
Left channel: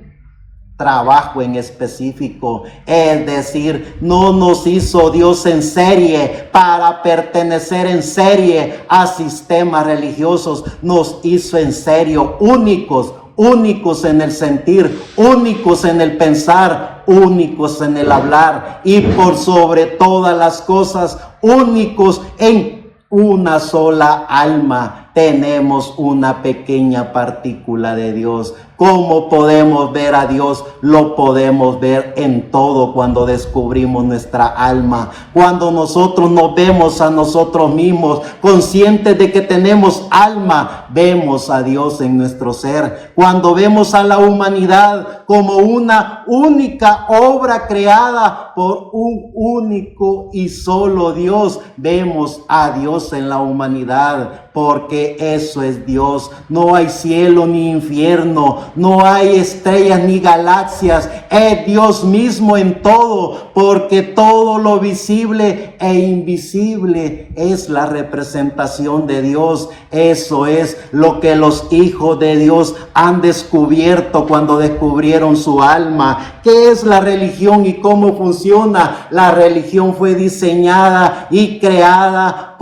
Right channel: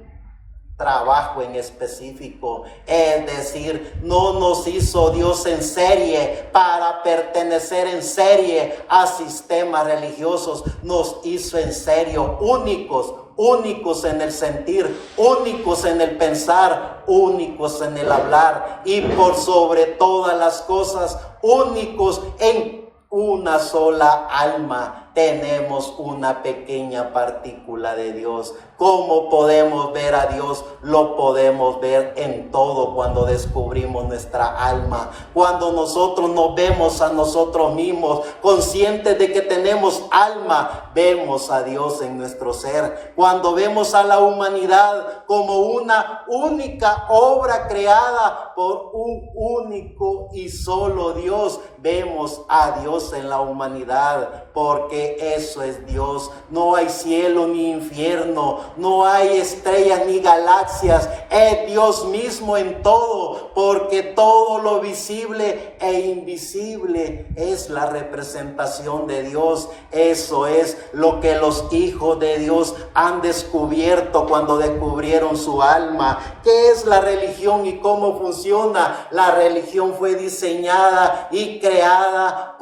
trabajo en específico. Es decir, no nos hizo Dios en serie para pertenecer en serie a sistemas religiosos. Nos hizo en serio únicos en el sentir, únicos en el pensar, únicos en el hablar y por sobre todas las cosas, únicos en una sola alma. Tenemos una pequeña partícula de Dios. ¿Cómo podemos ver a Dios? Lo podemos ver en todo cuando descubrimos nuestra alma. Cuando nosotros nos vemos a nosotros mismos, conscientes de que tenemos alma, vemos a Dios en nuestro ser. Cuando vemos a la humanidad como una única obra creada por un único y solo Dios, vemos a Dios en la humanidad. Porque eso es Dios. No hay cielo ni infierno, no hay estrellas ni galaxias. Es Dios mismo en todo, porque todo lo visible e invisible es la representación de Dios. Eso es lo que los hijos de Dios han descubierto cuando descubrieron su alma. ¿Qué es la religión y cómo funciona? La religión fue diseñada y creada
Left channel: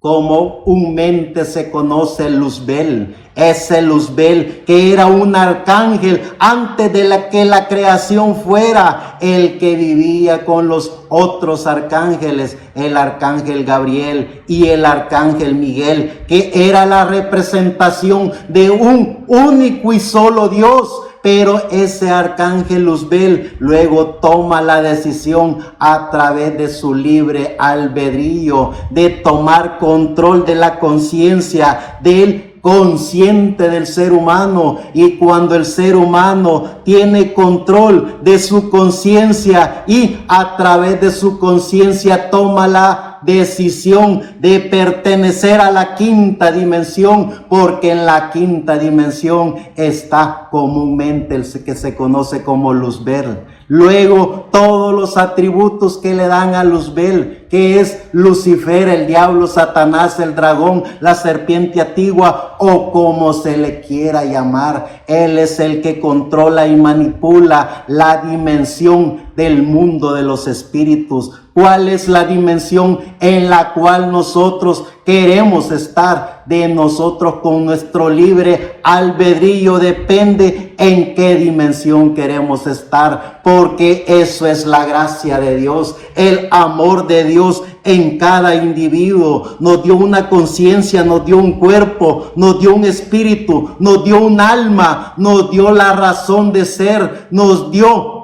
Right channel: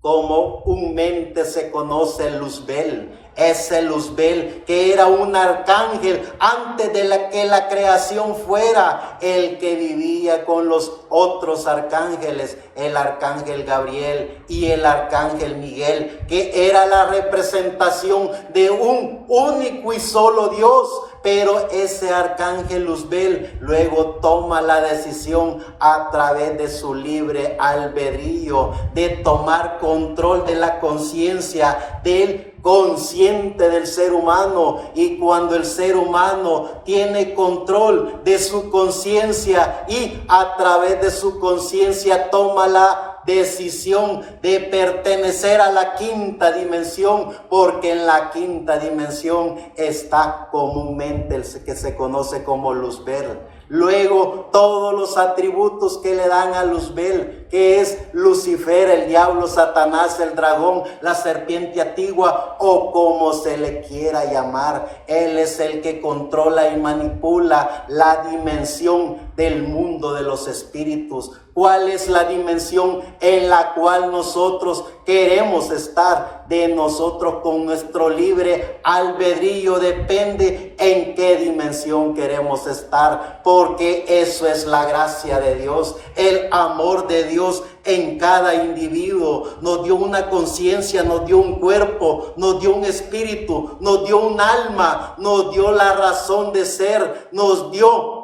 comúnmente se conoce Luzbel. Ese Luzbel que era un arcángel antes de que la creación fuera, el que vivía con los otros arcángeles, el arcángel Gabriel y el arcángel Miguel, que era la representación de un único y solo Dios. Pero ese arcángel Luzbel luego toma la decisión a través de su libre albedrío de tomar control de la conciencia del consciente del ser humano. Y cuando el ser humano tiene control de su conciencia y a través de su conciencia toma la decisión de pertenecer a la quinta dimensión, porque en la quinta dimensión está comúnmente el que se conoce como Luzbel. Luego todos los atributos que le dan a Luzbel, que es Lucifer, el diablo, Satanás, el dragón, la serpiente antigua o como se le quiera llamar. Él es el que controla y manipula la dimensión del mundo de los espíritus. ¿Cuál es la dimensión en la cual nosotros queremos estar? De nosotros con nuestro libre albedrío depende en qué dimensión queremos estar, porque eso es la gracia de Dios, el amor de Dios en cada individuo. Nos dio una conciencia, nos dio un cuerpo, nos dio un espíritu, nos dio un alma, nos dio la razón de ser, nos dio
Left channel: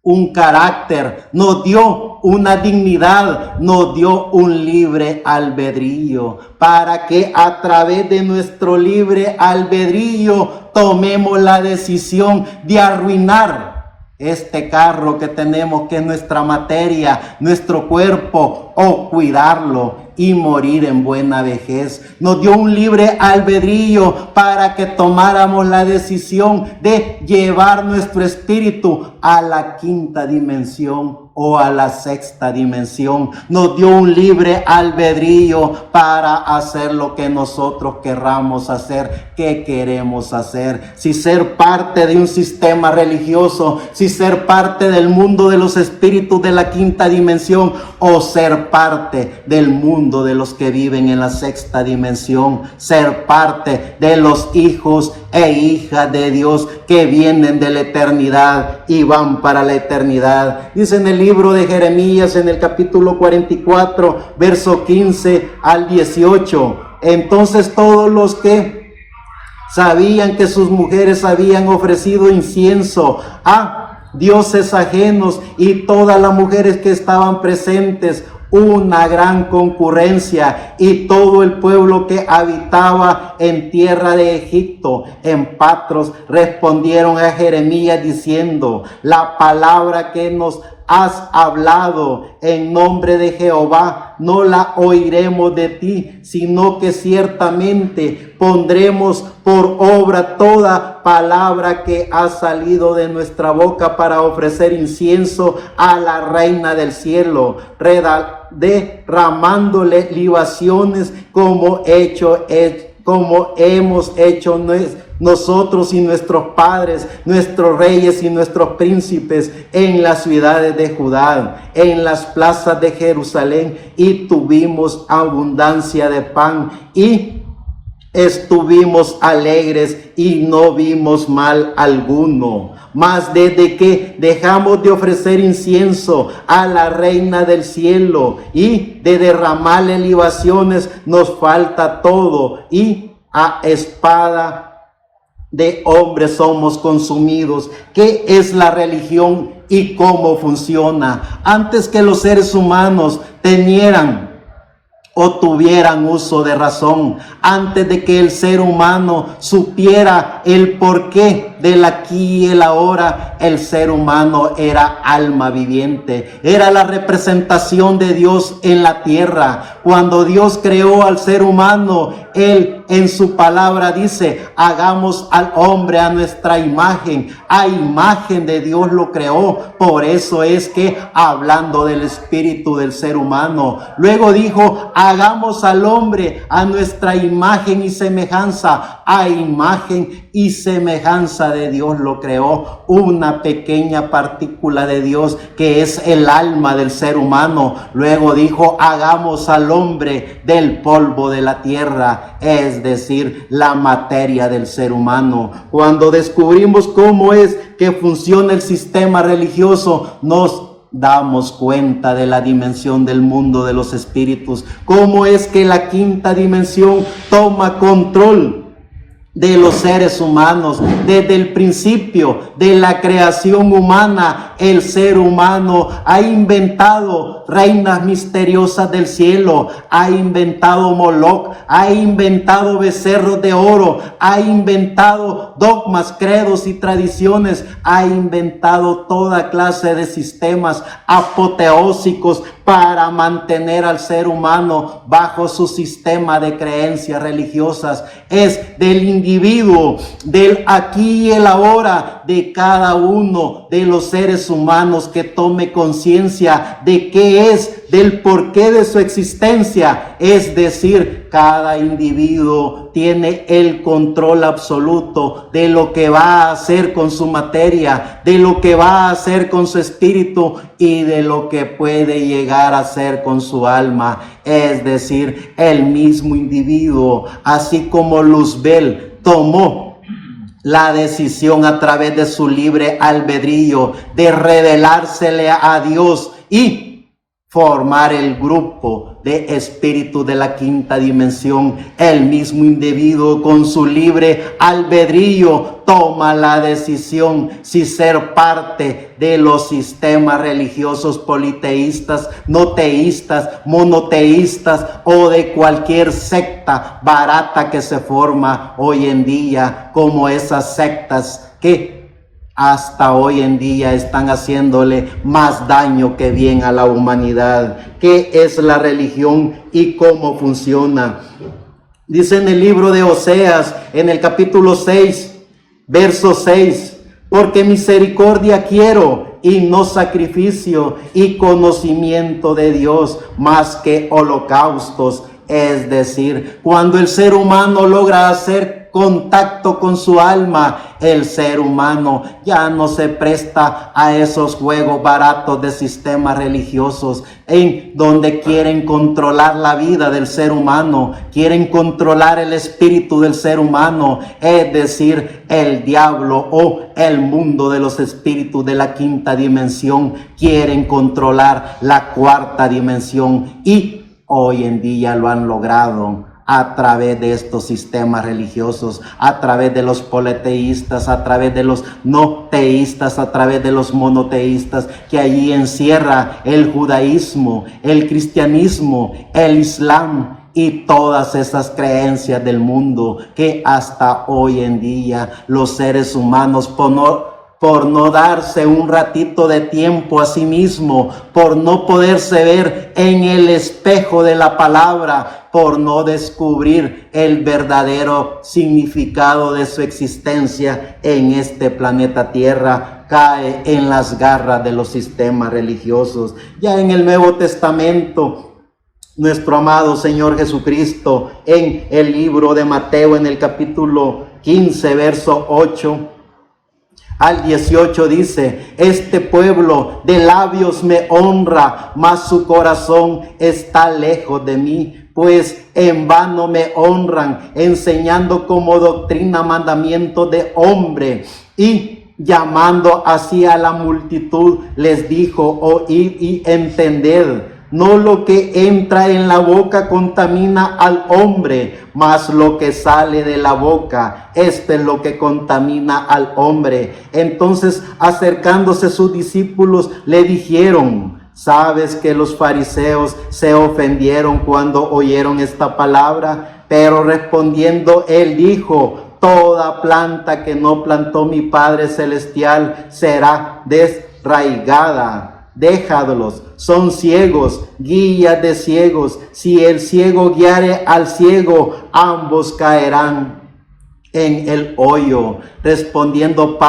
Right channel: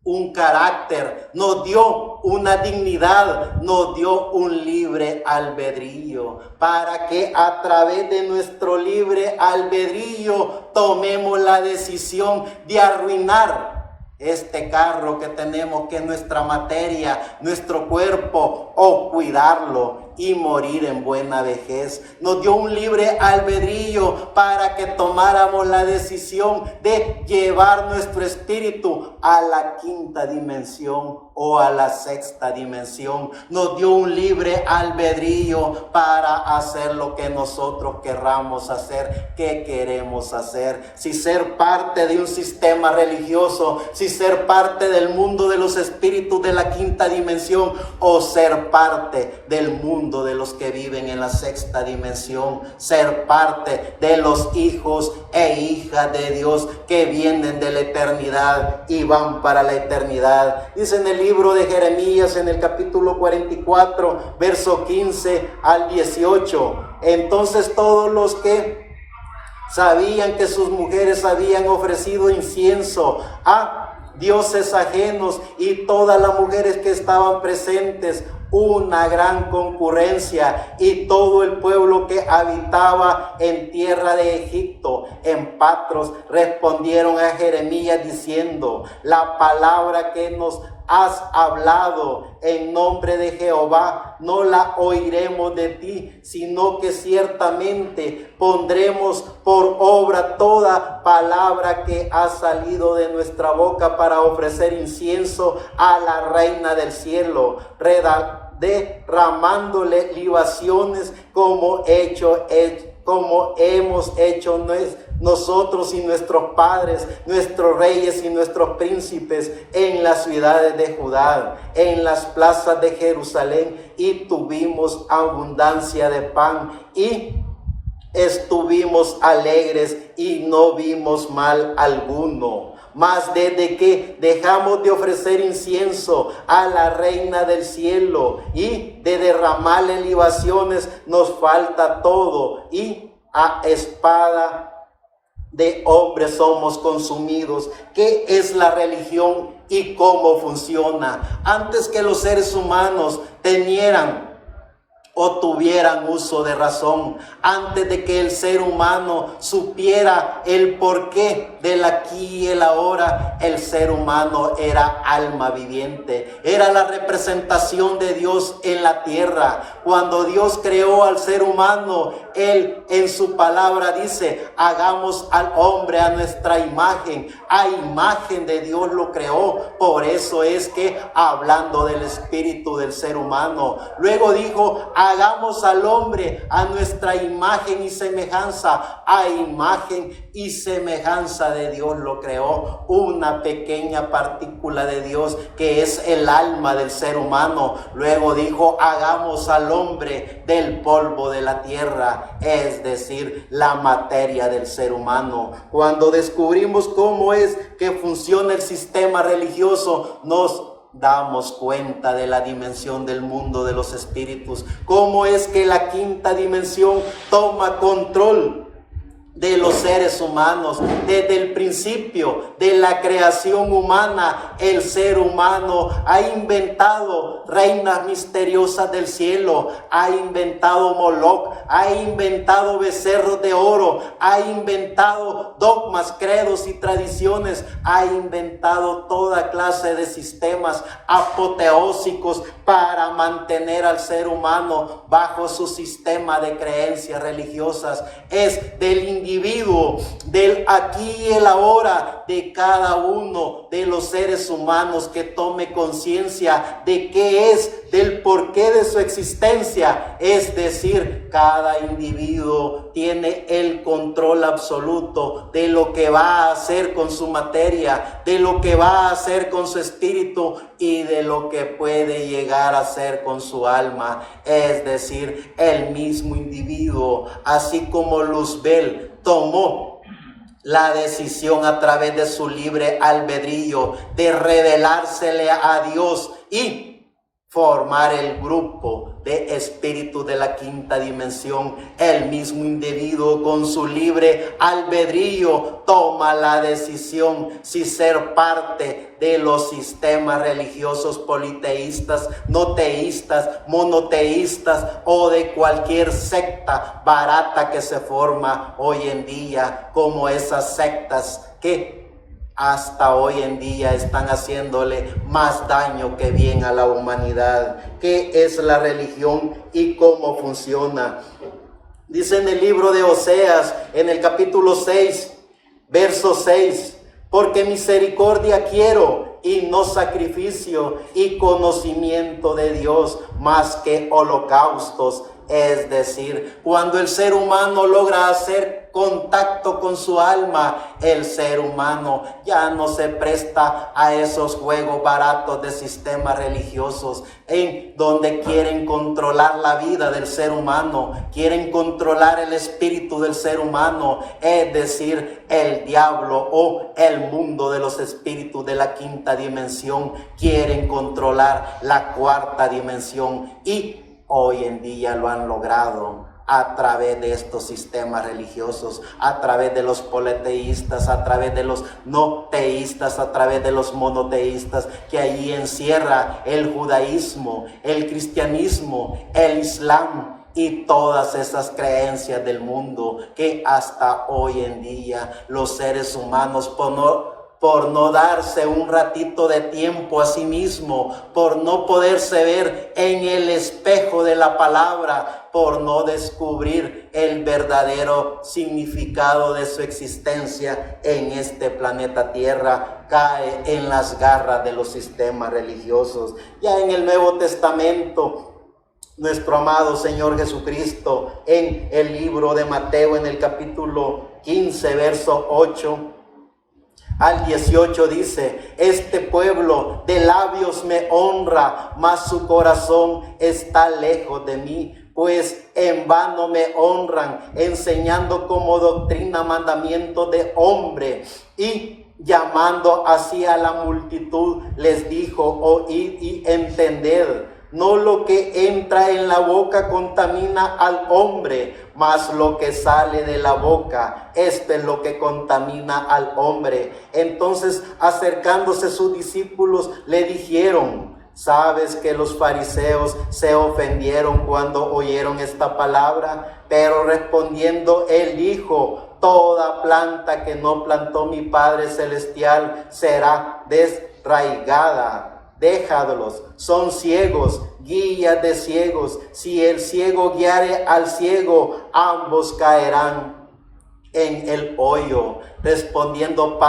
un carácter, nos dio una dignidad, nos dio un libre albedrío, para que a través de nuestro libre albedrío tomemos la decisión de arruinar este carro que tenemos, que es nuestra materia, nuestro cuerpo, o cuidarlo y morir en buena vejez. Nos dio un libre albedrío para que tomáramos la decisión de llevar nuestro espíritu a la quinta dimensión o a la sexta dimensión. Nos dio un libre albedrío para hacer lo que nosotros querramos hacer, que queremos hacer. Si ser parte de un sistema religioso, si ser parte del mundo de los espíritus de la quinta dimensión, o ser parte del mundo de los que viven en la sexta dimensión, ser parte de los hijos e hijas de Dios que vienen de la eternidad y van para la eternidad. Dice en el libro de Jeremías, en el capítulo 44, verso 15 al 18. Entonces todos los que sabían que sus mujeres habían ofrecido incienso a dioses ajenos, y todas las mujeres que estaban presentes, una gran concurrencia, y todo el pueblo que habitaba en tierra de Egipto, en Patros, respondieron a Jeremías diciendo: la palabra que nos has hablado en nombre de Jehová no la oiremos de ti, sino que ciertamente pondremos por obra toda palabra que ha salido de nuestra boca para ofrecer incienso a la reina del cielo, derramándole libaciones como hemos hecho nosotros y nuestros padres, nuestros reyes y nuestros príncipes en las ciudades de Judá, en las plazas de Jerusalén, y tuvimos abundancia de pan y estuvimos alegres y no vimos mal alguno. Mas desde que dejamos de ofrecer incienso a la reina del cielo y de derramarle libaciones, nos falta todo, y a espada de hombres somos consumidos. ¿Qué es la religión y cómo funciona? Antes que los seres humanos tenieran o tuvieran uso de razón, antes de que el ser humano supiera el porqué del aquí y el ahora, el ser humano era alma viviente, era la representación de Dios en la tierra. Cuando Dios creó al ser humano, Él en su palabra dice: hagamos al hombre a nuestra imagen. A imagen de Dios lo creó. Por eso es que, hablando del espíritu del ser humano, luego dijo: hagamos al hombre a nuestra imagen y semejanza. A imagen y semejanza de Dios lo creó. Una pequeña partícula de Dios que es el alma del ser humano. Luego dijo: hagamos al hombre del polvo de la tierra, es decir, la materia del ser humano. Cuando descubrimos cómo es que funciona el sistema religioso, nos damos cuenta de la dimensión del mundo de los espíritus. Cómo es que la quinta dimensión toma control de los seres humanos. Desde el principio de la creación humana, el ser humano ha inventado reinas misteriosas del cielo, ha inventado Moloch, ha inventado becerros de oro, ha inventado dogmas, credos y tradiciones, ha inventado toda clase de sistemas apoteósicos para mantener al ser humano bajo su sistema de creencias religiosas. Es del individuo, del aquí y el ahora, de cada uno de los seres humanos que tome conciencia de qué es, del porqué de su existencia. Es decir, cada individuo tiene el control absoluto de lo que va a hacer con su materia, de lo que va a hacer con su espíritu y de lo que puede llegar a hacer con su alma. Es decir, el mismo individuo, así como Luzbel tomó la decisión a través de su libre albedrío de revelársele a Dios y formar el grupo de espíritus de la quinta dimensión. El mismo individuo con su libre albedrío toma la decisión si ser parte de los sistemas religiosos politeístas, no teístas, monoteístas o de cualquier secta barata que se forma hoy en día, como esas sectas que hasta hoy en día están haciéndole más daño que bien a la humanidad. ¿Qué es la religión y cómo funciona? Dice en el libro de Oseas, en el capítulo 6, verso 6, porque misericordia quiero y no sacrificio, y conocimiento de Dios más que holocaustos. Es decir, cuando el ser humano logra hacer contacto con su alma, el ser humano ya no se presta a esos juegos baratos de sistemas religiosos en donde quieren controlar la vida del ser humano, quieren controlar el espíritu del ser humano, es decir, el diablo o el mundo de los espíritus de la quinta dimensión quieren controlar la cuarta dimensión, y hoy en día lo han logrado a través de estos sistemas religiosos, a través de los politeístas, a través de los no teístas, a través de los monoteístas, que allí encierra el judaísmo, el cristianismo, el islam y todas esas creencias del mundo que hasta hoy en día los seres humanos por no darse un ratito de tiempo a sí mismo, por no poderse ver en el espejo de la palabra, por no descubrir el verdadero significado de su existencia en este planeta Tierra, cae en las garras de los sistemas religiosos. Ya en el Nuevo Testamento, nuestro amado Señor Jesucristo, en el libro de Mateo, en el capítulo 15, verso 8 al 18 dice: este pueblo de labios me honra, mas su corazón está lejos de mí. Pues en vano me honran, enseñando como doctrina mandamientos de hombre. Y llamando así a la multitud, les dijo: oíd y entended. No lo que entra en la boca contamina al hombre, mas lo que sale de la boca, esto es lo que contamina al hombre. Entonces, acercándose sus discípulos, le dijeron: ¿sabes que los fariseos se ofendieron cuando oyeron esta palabra? Pero respondiendo él dijo: toda planta que no plantó mi Padre Celestial será desraigada. Déjalos, son ciegos, guías de ciegos. Si el ciego guiare al ciego, ambos caerán en el hoyo. Respondiendo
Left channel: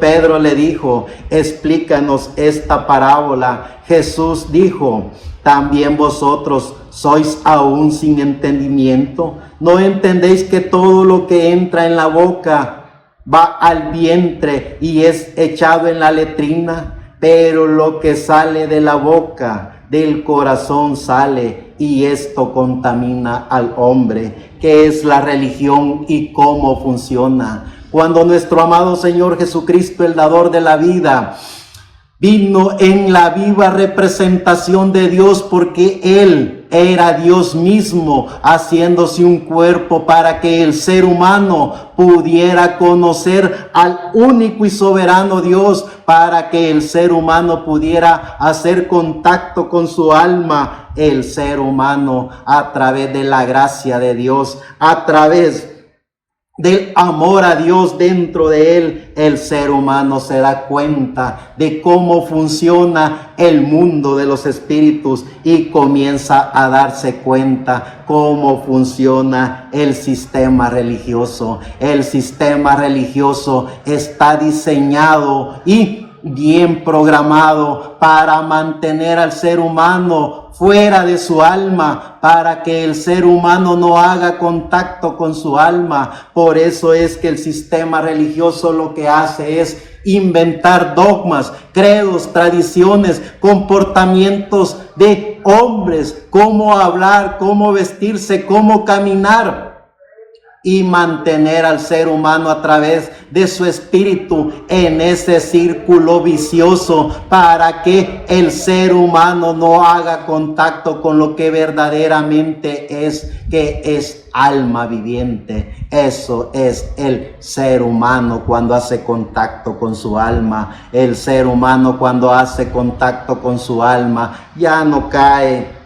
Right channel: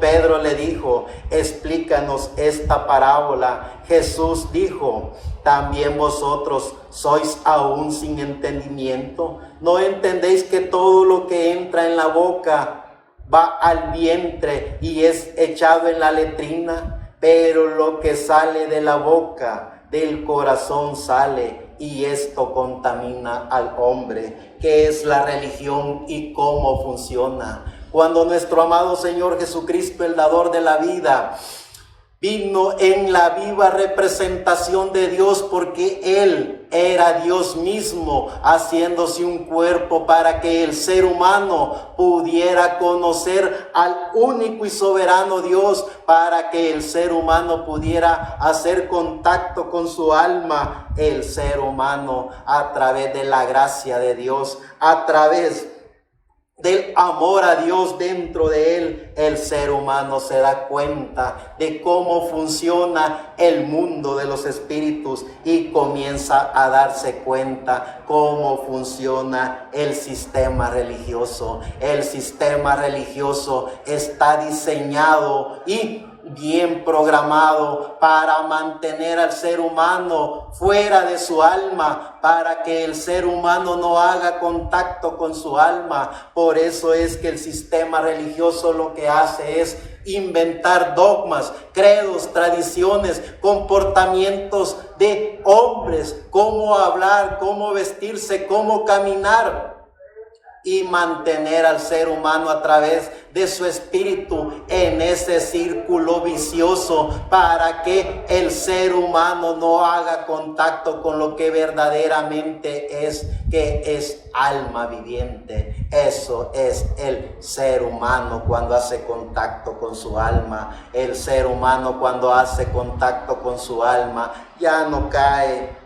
Pedro le dijo: explícanos esta parábola. Jesús dijo: ¿también vosotros sois aún sin entendimiento? ¿No entendéis que todo lo que entra en la boca va al vientre y es echado en la letrina? Pero lo que sale de la boca, del corazón sale, y esto contamina al hombre. ¿Qué es la religión y cómo funciona? Cuando nuestro amado Señor Jesucristo, el dador de la vida, vino en la viva representación de Dios, porque Él era Dios mismo, haciéndose un cuerpo para que el ser humano pudiera conocer al único y soberano Dios, para que el ser humano pudiera hacer contacto con su alma. El ser humano, a través de la gracia de Dios, a través del amor a Dios dentro de él, el ser humano se da cuenta de cómo funciona el mundo de los espíritus y comienza a darse cuenta cómo funciona el sistema religioso. El sistema religioso está diseñado y bien programado para mantener al ser humano fuera de su alma, para que el ser humano no haga contacto con su alma. Por eso es que el sistema religioso lo que hace es inventar dogmas, credos, tradiciones, comportamientos de hombres, cómo hablar, cómo vestirse, cómo caminar, y mantener al ser humano a través de su espíritu en ese círculo vicioso, para que el ser humano no haga contacto con lo que verdaderamente es, que es alma viviente. Eso es el ser humano cuando hace contacto con su alma. El ser humano cuando hace contacto con su alma ya no cae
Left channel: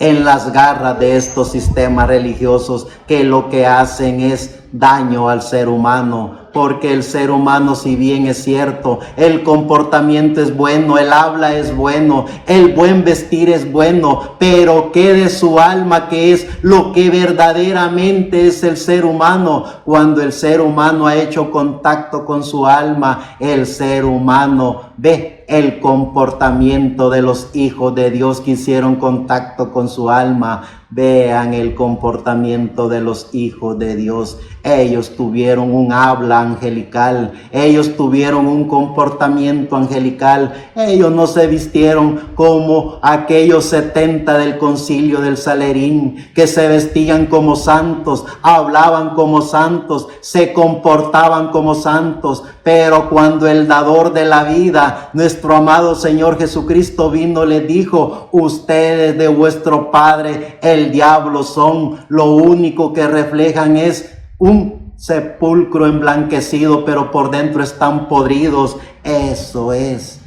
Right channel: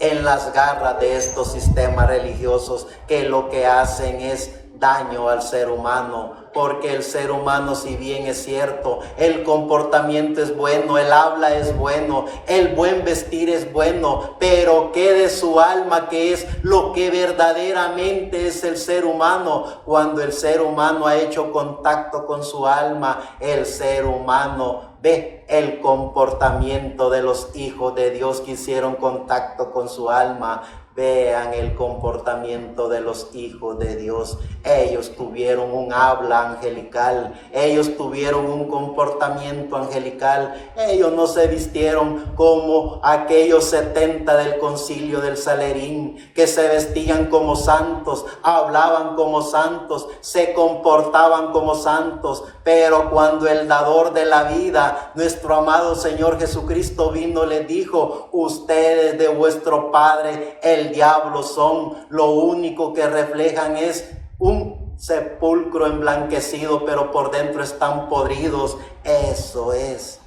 en las garras de estos sistemas religiosos, que lo que hacen es daño al ser humano. Porque el ser humano, si bien es cierto, el comportamiento es bueno, el habla es bueno, el buen vestir es bueno, pero ¿qué de su alma, que es lo que verdaderamente es el ser humano? Cuando el ser humano ha hecho contacto con su alma, el ser humano ve el comportamiento de los hijos de Dios que hicieron contacto con su alma. Vean el comportamiento de los hijos de Dios. Ellos tuvieron un habla angelical, ellos tuvieron un comportamiento angelical. Ellos no se vistieron como aquellos 70 del concilio del Salerín, que se vestían como santos, hablaban como santos, se comportaban como santos. Pero cuando el dador de la vida, nuestro amado Señor Jesucristo, vino, les dijo: ustedes de vuestro padre el diablo son, lo único que reflejan es un sepulcro emblanquecido, pero por dentro están podridos. Eso es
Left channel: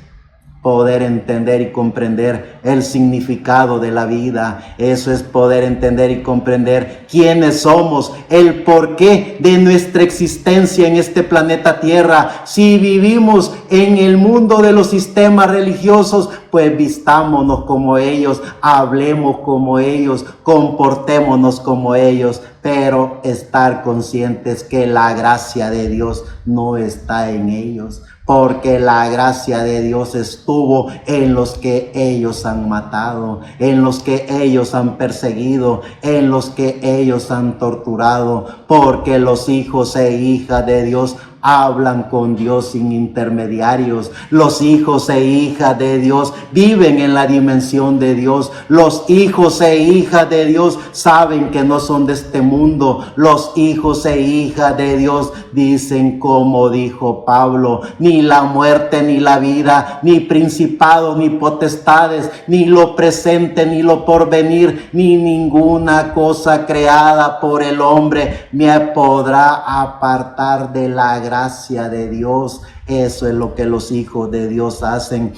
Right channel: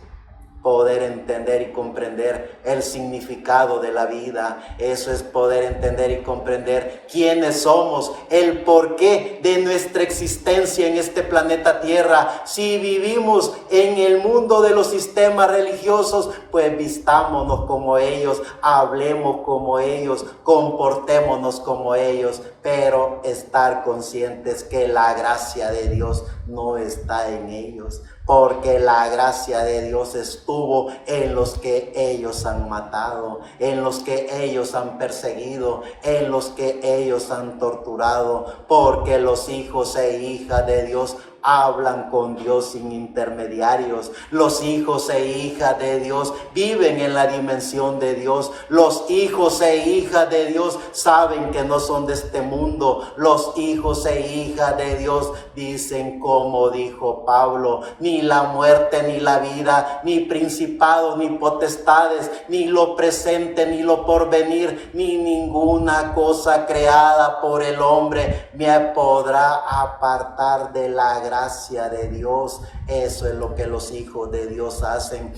poder entender y comprender el significado de la vida. Eso es poder entender y comprender quiénes somos, el porqué de nuestra existencia en este planeta Tierra. Si vivimos en el mundo de los sistemas religiosos, pues vistámonos como ellos, hablemos como ellos, comportémonos como ellos. pero estar conscientes que la gracia de Dios no está en ellos, porque la gracia de Dios estuvo en los que ellos han matado, en los que ellos han perseguido, en los que ellos han torturado, porque los hijos e hijas de Dios hablan con Dios sin intermediarios. Los hijos e hijas de Dios viven en la dimensión de Dios. Los hijos e hijas de Dios saben que no son de este mundo. Los hijos e hijas de Dios dicen, como dijo Pablo: ni la muerte ni la vida, ni principados ni potestades, ni lo presente ni lo porvenir, ni ninguna cosa creada por el hombre me podrá apartar de la gracia de Dios. Eso es lo que los hijos de Dios hacen.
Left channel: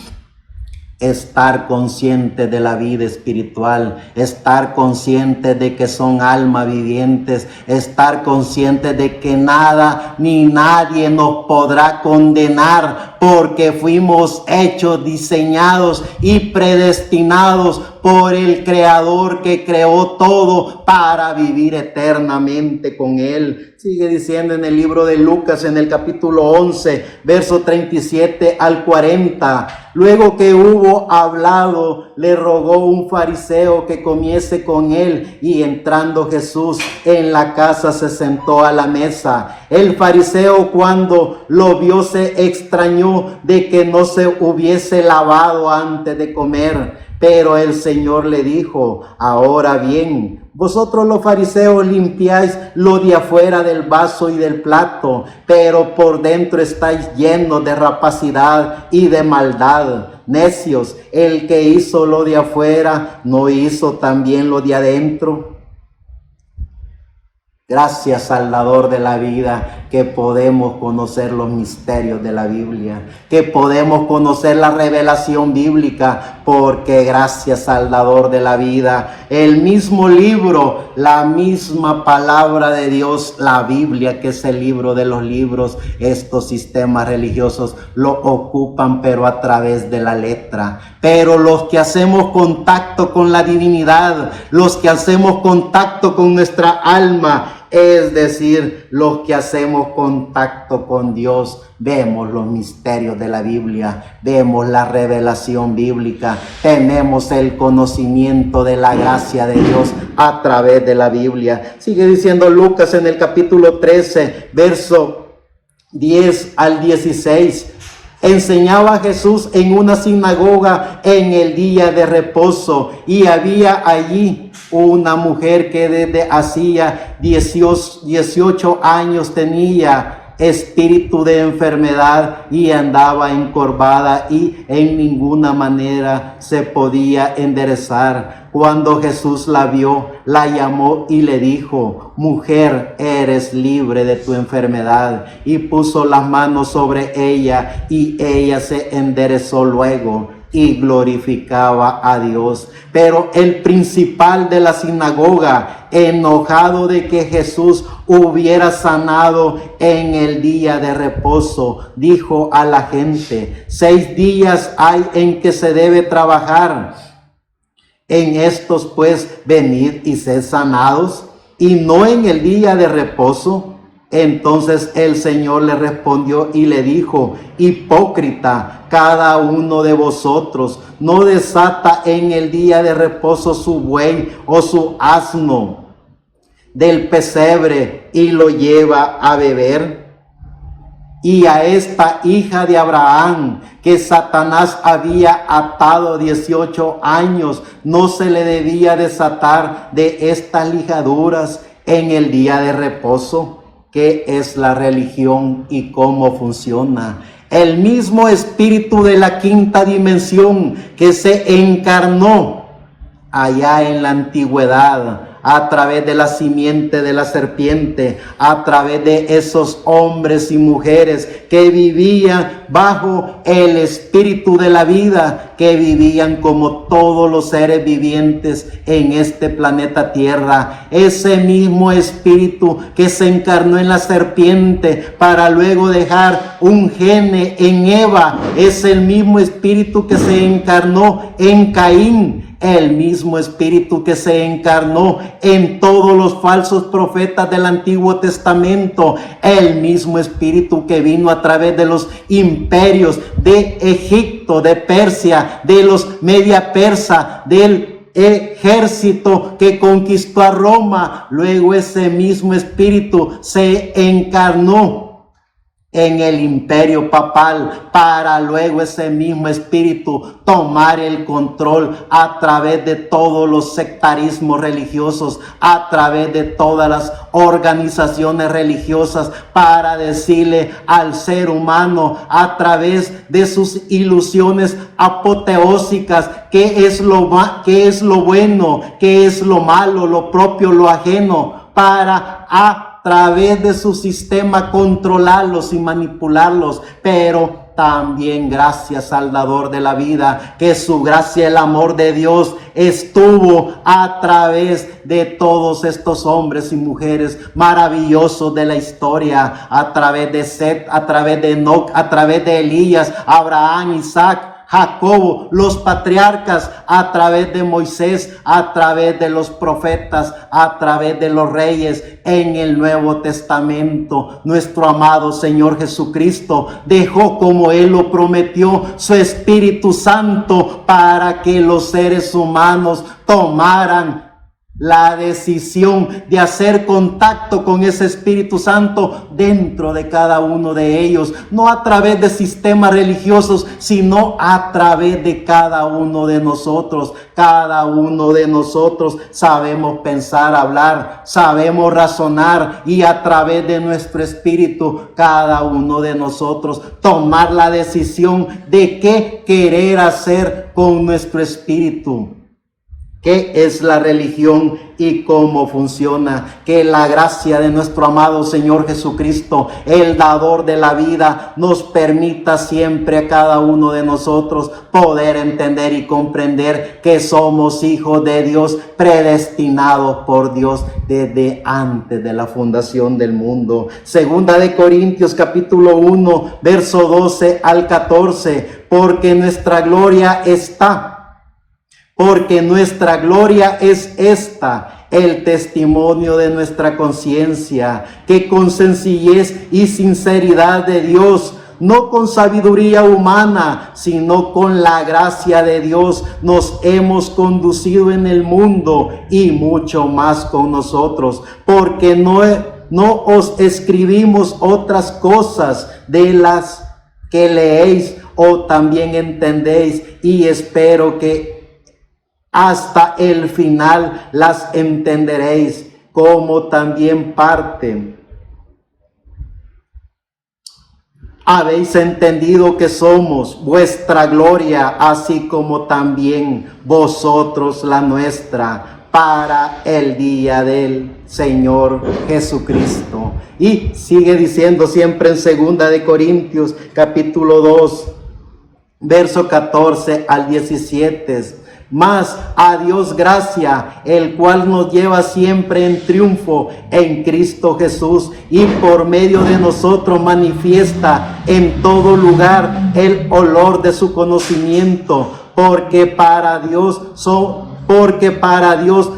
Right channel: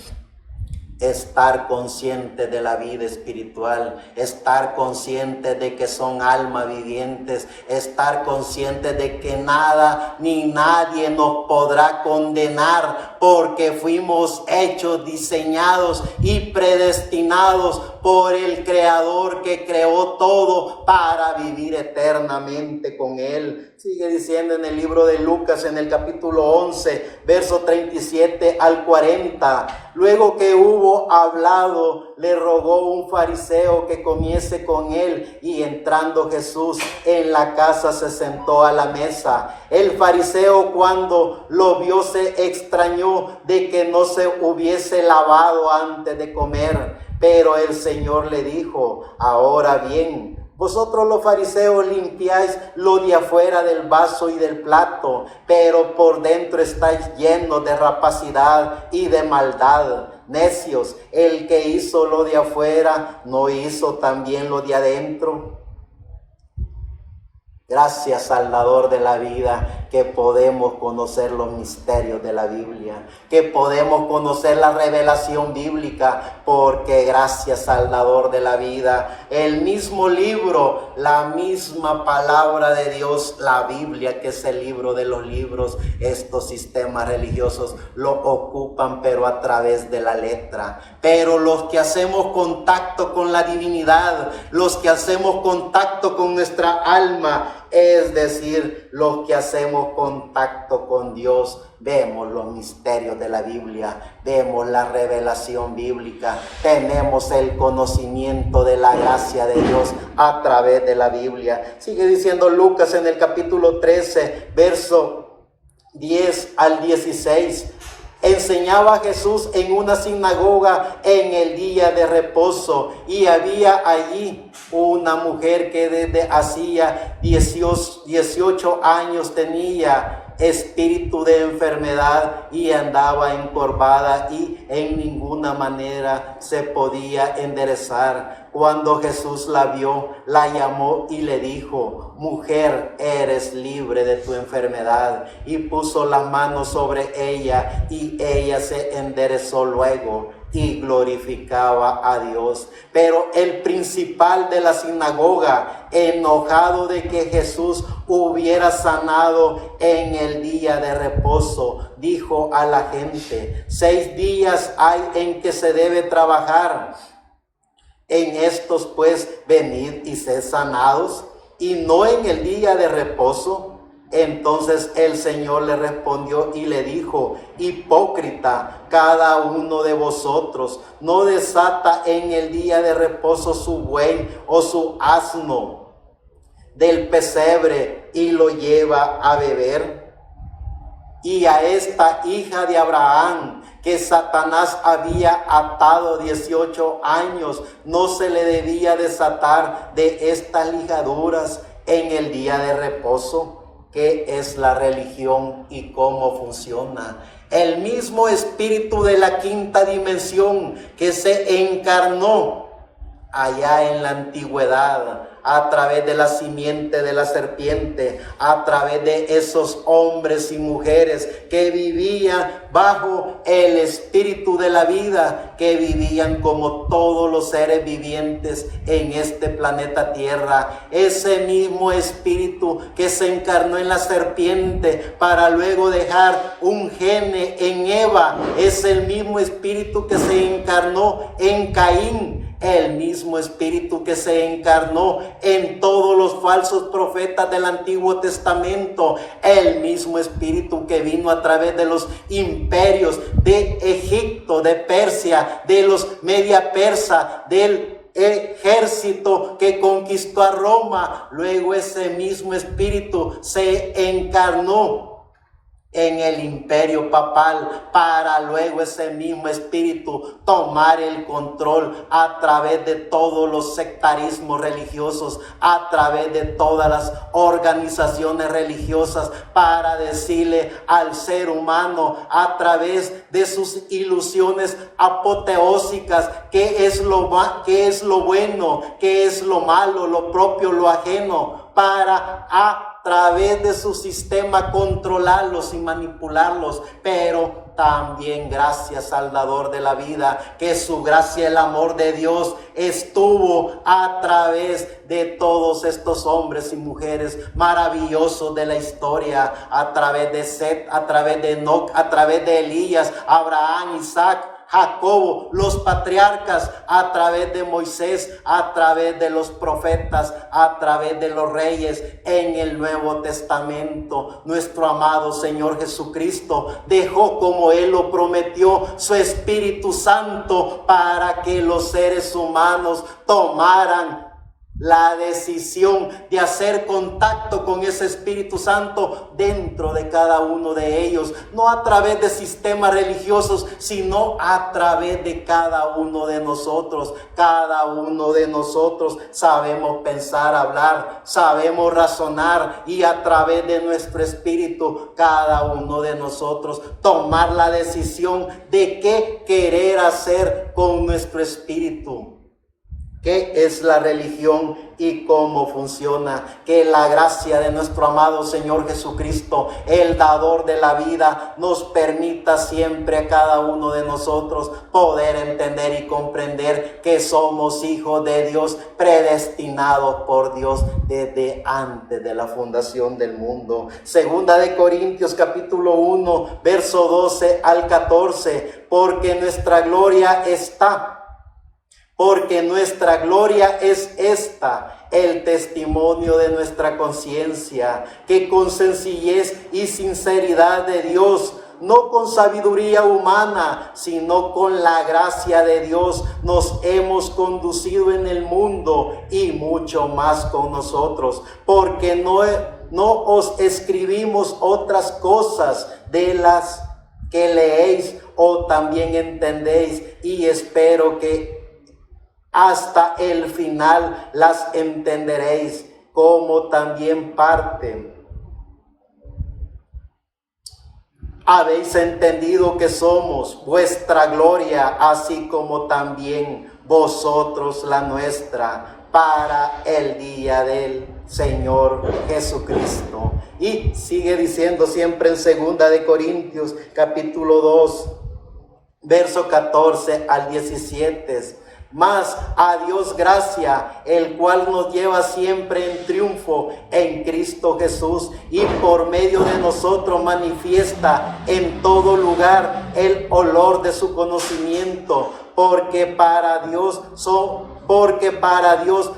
Estar conscientes de la vida espiritual, estar conscientes de que son almas vivientes, estar conscientes de que nada ni nadie nos podrá condenar, porque fuimos hechos, diseñados y predestinados por el Creador que creó todo para vivir eternamente con Él. Sigue diciendo en el libro de Lucas, en el capítulo 11, verso 37 al 40. Luego que hubo hablado, le rogó un fariseo que comiese con él, y entrando Jesús en la casa se sentó a la mesa. El fariseo, cuando lo vio, se extrañó de que no se hubiese lavado antes de comer. Pero el Señor le dijo: ahora bien, vosotros los fariseos limpiáis lo de afuera del vaso y del plato, pero por dentro estáis llenos de rapacidad y de maldad. Necios, el que hizo lo de afuera, ¿no hizo también lo de adentro? Gracias, Salvador de la vida, que podemos conocer los misterios de la Biblia, que podemos conocer la revelación bíblica, porque gracias, Salvador de la vida, el mismo libro, la misma palabra de Dios, la Biblia, que es el libro de los libros, estos sistemas religiosos lo ocupan, pero a través de la letra. Pero los que hacemos contacto con la divinidad, los que hacemos contacto con nuestra alma, es decir, los que hacemos contacto con Dios, vemos los misterios de la Biblia, vemos la revelación bíblica, tenemos el conocimiento de la gracia de Dios a través de la Biblia. Sigue diciendo Lucas en el capítulo 13, verso 10 al 16. Enseñaba Jesús en una sinagoga en el día de reposo, y había allí una mujer que desde hacía 18 años tenía espíritu de enfermedad y andaba encorvada y en ninguna manera se podía enderezar. Cuando Jesús la vio, la llamó y le dijo: mujer, eres libre de tu enfermedad. Y puso las manos sobre ella, y ella se enderezó luego y glorificaba a Dios. Pero el principal de la sinagoga, enojado de que Jesús hubiera sanado en el día de reposo, dijo a la gente: 6 días hay en que se debe trabajar. En estos pues venid y sed sanados, y no en el día de reposo. Entonces el Señor le respondió y le dijo: hipócrita, cada uno de vosotros no desata en el día de reposo su buey o su asno del pesebre y lo lleva a beber. Y a esta hija de Abraham, que Satanás había atado 18 años, no se le debía desatar de estas ligaduras en el día de reposo. ¿Qué es la religión y cómo funciona? El mismo espíritu de la quinta dimensión que se encarnó allá en la antigüedad, a través de la simiente de la serpiente, a través de esos hombres y mujeres que vivían bajo el espíritu de la vida, que vivían como todos los seres vivientes en este planeta Tierra. Ese mismo espíritu que se encarnó en la serpiente para luego dejar un gene en Eva, es el mismo espíritu que se encarnó en Caín. el mismo espíritu que se encarnó en todos los falsos profetas del Antiguo Testamento, el mismo espíritu que vino a través de los imperios de Egipto, de Persia, de los Media Persa, del ejército que conquistó a Roma. Luego ese mismo espíritu se encarnó en el imperio papal, para luego ese mismo espíritu tomar el control a través de todos los sectarismos religiosos, a través de todas las organizaciones religiosas, para decirle al ser humano a través de sus ilusiones apoteósicas qué es lo bueno, qué es lo malo, lo propio, lo ajeno, para a través de su sistema controlarlos y manipularlos. Pero también gracias al dador de la vida, que su gracia, el amor de Dios estuvo a través de todos estos hombres y mujeres maravillosos de la historia, a través de Set, a través de Enoc, a través de Elías, Abraham, Isaac, Jacobo, los patriarcas, a través de Moisés, a través de los profetas, a través de los reyes. En el Nuevo Testamento, nuestro amado Señor Jesucristo dejó, como Él lo prometió, su Espíritu Santo para que los seres humanos tomaran la decisión de hacer contacto con ese Espíritu Santo dentro de cada uno de ellos, no a través de sistemas religiosos, sino a través de cada uno de nosotros. Cada uno de nosotros sabemos pensar, hablar, sabemos razonar, y a través de nuestro espíritu, cada uno de nosotros tomar la decisión de qué querer hacer con nuestro espíritu. ¿Qué es la religión y cómo funciona? Que la gracia de nuestro amado Señor Jesucristo, el dador de la vida, nos permita siempre a cada uno de nosotros poder entender y comprender que somos hijos de Dios, predestinados por Dios desde antes de la fundación del mundo. Segunda de Corintios capítulo 1, verso 12 al 14, porque nuestra gloria es esta, el testimonio de nuestra conciencia, que con sencillez y sinceridad de Dios, no con sabiduría humana, sino con la gracia de Dios, nos hemos conducido en el mundo, y mucho más con nosotros, porque no os escribimos otras cosas de las que leéis o también entendéis, y espero que hasta el final las entenderéis, como también parte habéis entendido que somos vuestra gloria, así como también vosotros la nuestra, para el día del Señor Jesucristo. Y sigue diciendo siempre en segunda de Corintios capítulo 2, verso 14 al 17. Mas a Dios gracia, el cual nos lleva siempre en triunfo en Cristo Jesús, y por medio de nosotros manifiesta en todo lugar el olor de su conocimiento, porque para Dios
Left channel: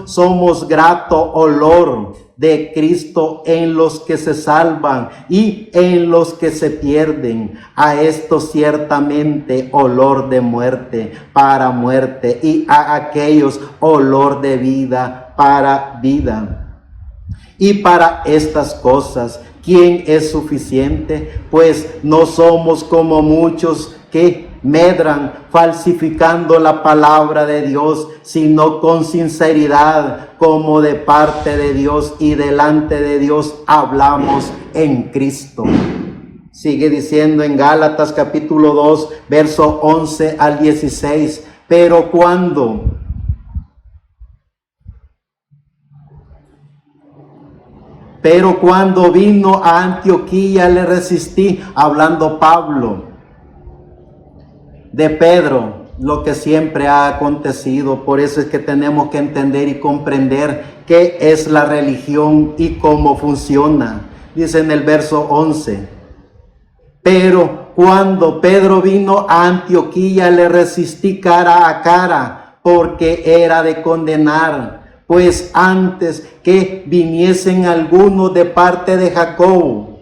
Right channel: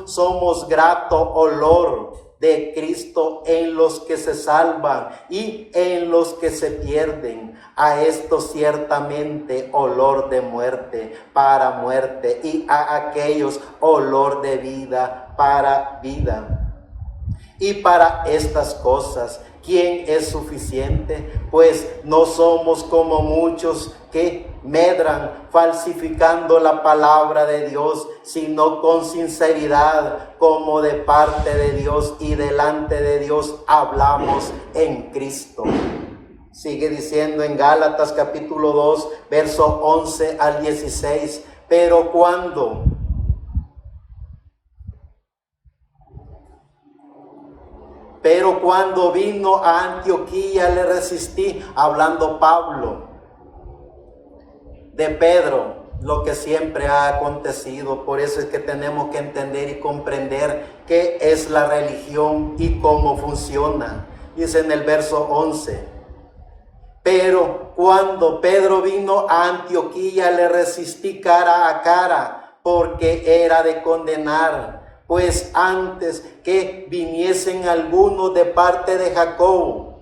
somos grato olor de Cristo en los que se salvan y en los que se pierden. A esto ciertamente olor de muerte para muerte, y a aquellos olor de vida para vida. Y para estas cosas, ¿quién es suficiente? Pues no somos como muchos que medran falsificando la palabra de Dios, sino con sinceridad, como de parte de Dios y delante de Dios hablamos en Cristo. Sigue diciendo en Gálatas capítulo 2, verso 11 al 16, pero cuando vino a Antioquía le resistí, hablando Pablo de Pedro, lo que siempre ha acontecido. Por eso es que tenemos que entender y comprender qué es la religión y cómo funciona. Dice en el verso 11, pero cuando Pedro vino a Antioquía le resistí cara a cara, porque era de condenar, pues antes que viniesen algunos de parte de Jacob,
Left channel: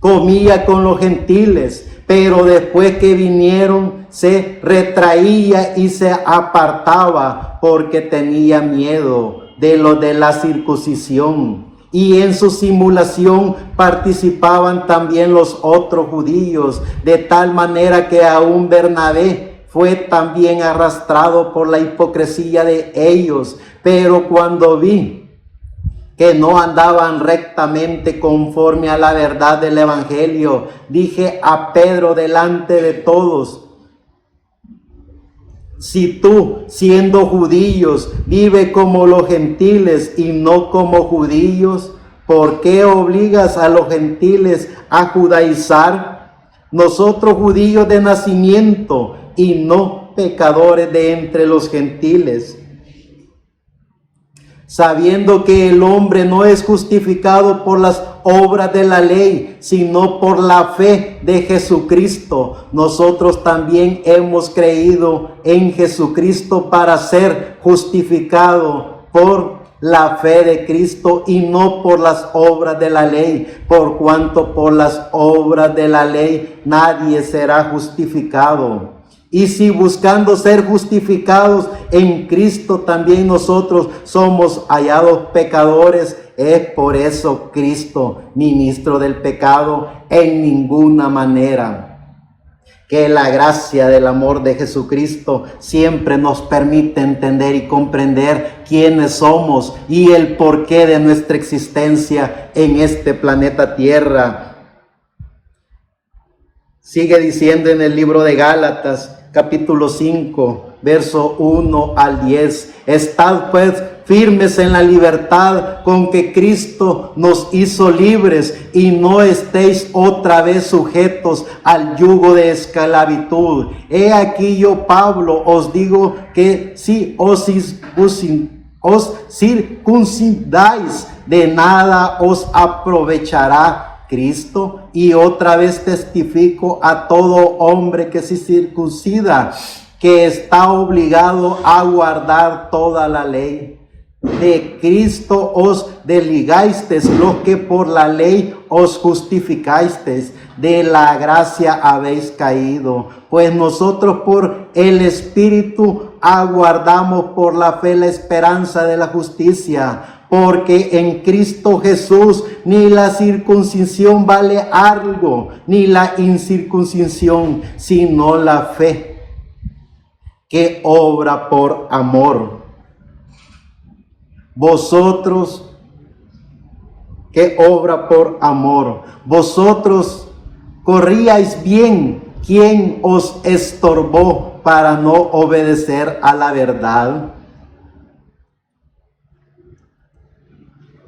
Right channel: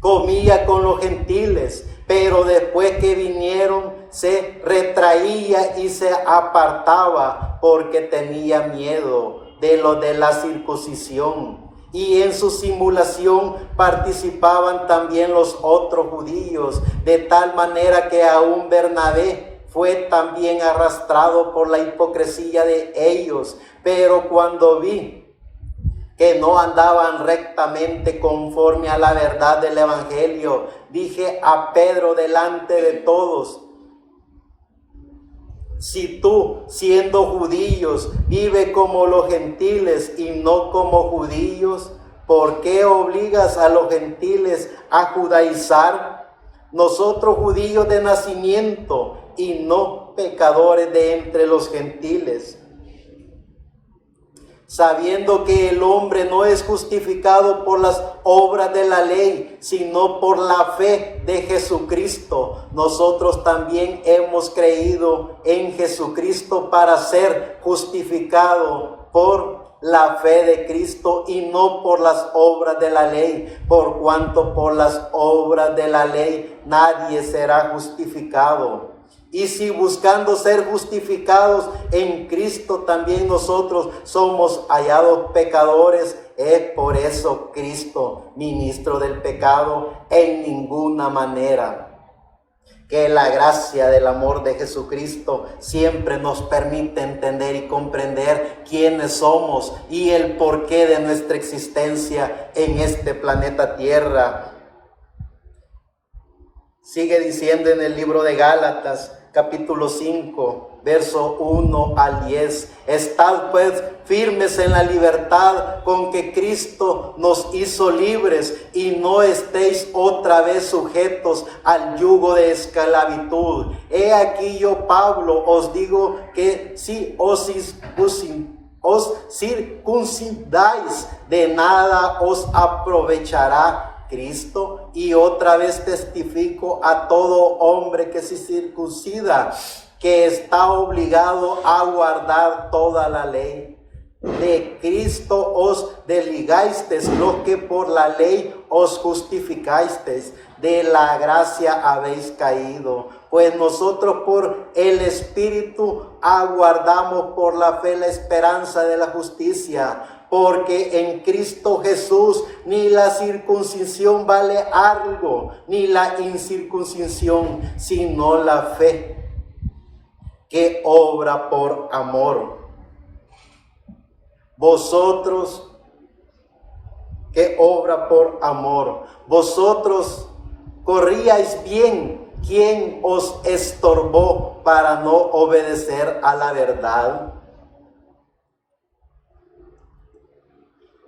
comía con los gentiles, pero después que vinieron se retraía y se apartaba porque tenía miedo de lo de la circuncisión. Y en su simulación participaban también los otros judíos, de tal manera que aún Bernabé fue también arrastrado por la hipocresía de ellos. Pero cuando vi que no andaban rectamente conforme a la verdad del evangelio, dije a Pedro delante de todos: si tú, siendo judíos, vive como los gentiles y no como judíos, ¿por qué obligas a los gentiles a judaizar? Nosotros judíos de nacimiento y no pecadores de entre los gentiles, sabiendo que el hombre no es justificado por las obras de la ley, sino por la fe de Jesucristo. Nosotros también hemos creído en Jesucristo para ser justificado por la fe de Cristo y no por las obras de la ley, por cuanto por las obras de la ley nadie será justificado. Y si buscando ser justificados en Cristo también nosotros somos hallados pecadores, es por eso Cristo, ministro del pecado, en ninguna manera. Que la gracia del amor de Jesucristo siempre nos permite entender y comprender quiénes somos y el porqué de nuestra existencia en este planeta Tierra. Sigue diciendo en el libro de Gálatas, capítulo 5, verso 1 al 10. Estad pues firmes en la libertad con que Cristo nos hizo libres, y no estéis otra vez sujetos al yugo de esclavitud. He aquí yo, Pablo, os digo que si os circuncidáis, de nada os aprovechará Cristo. Y otra vez testifico a todo hombre que se circuncida, que está obligado a guardar toda la ley. De Cristo os desligasteis, los que por la ley os justificasteis, de la gracia habéis caído. Pues nosotros por el Espíritu aguardamos por la fe la esperanza de la justicia. Porque en Cristo Jesús ni la circuncisión vale algo, ni la incircuncisión, sino la fe que obra por amor. Vosotros, que obra por amor, vosotros corríais bien. ¿Quién os estorbó para no obedecer a la verdad?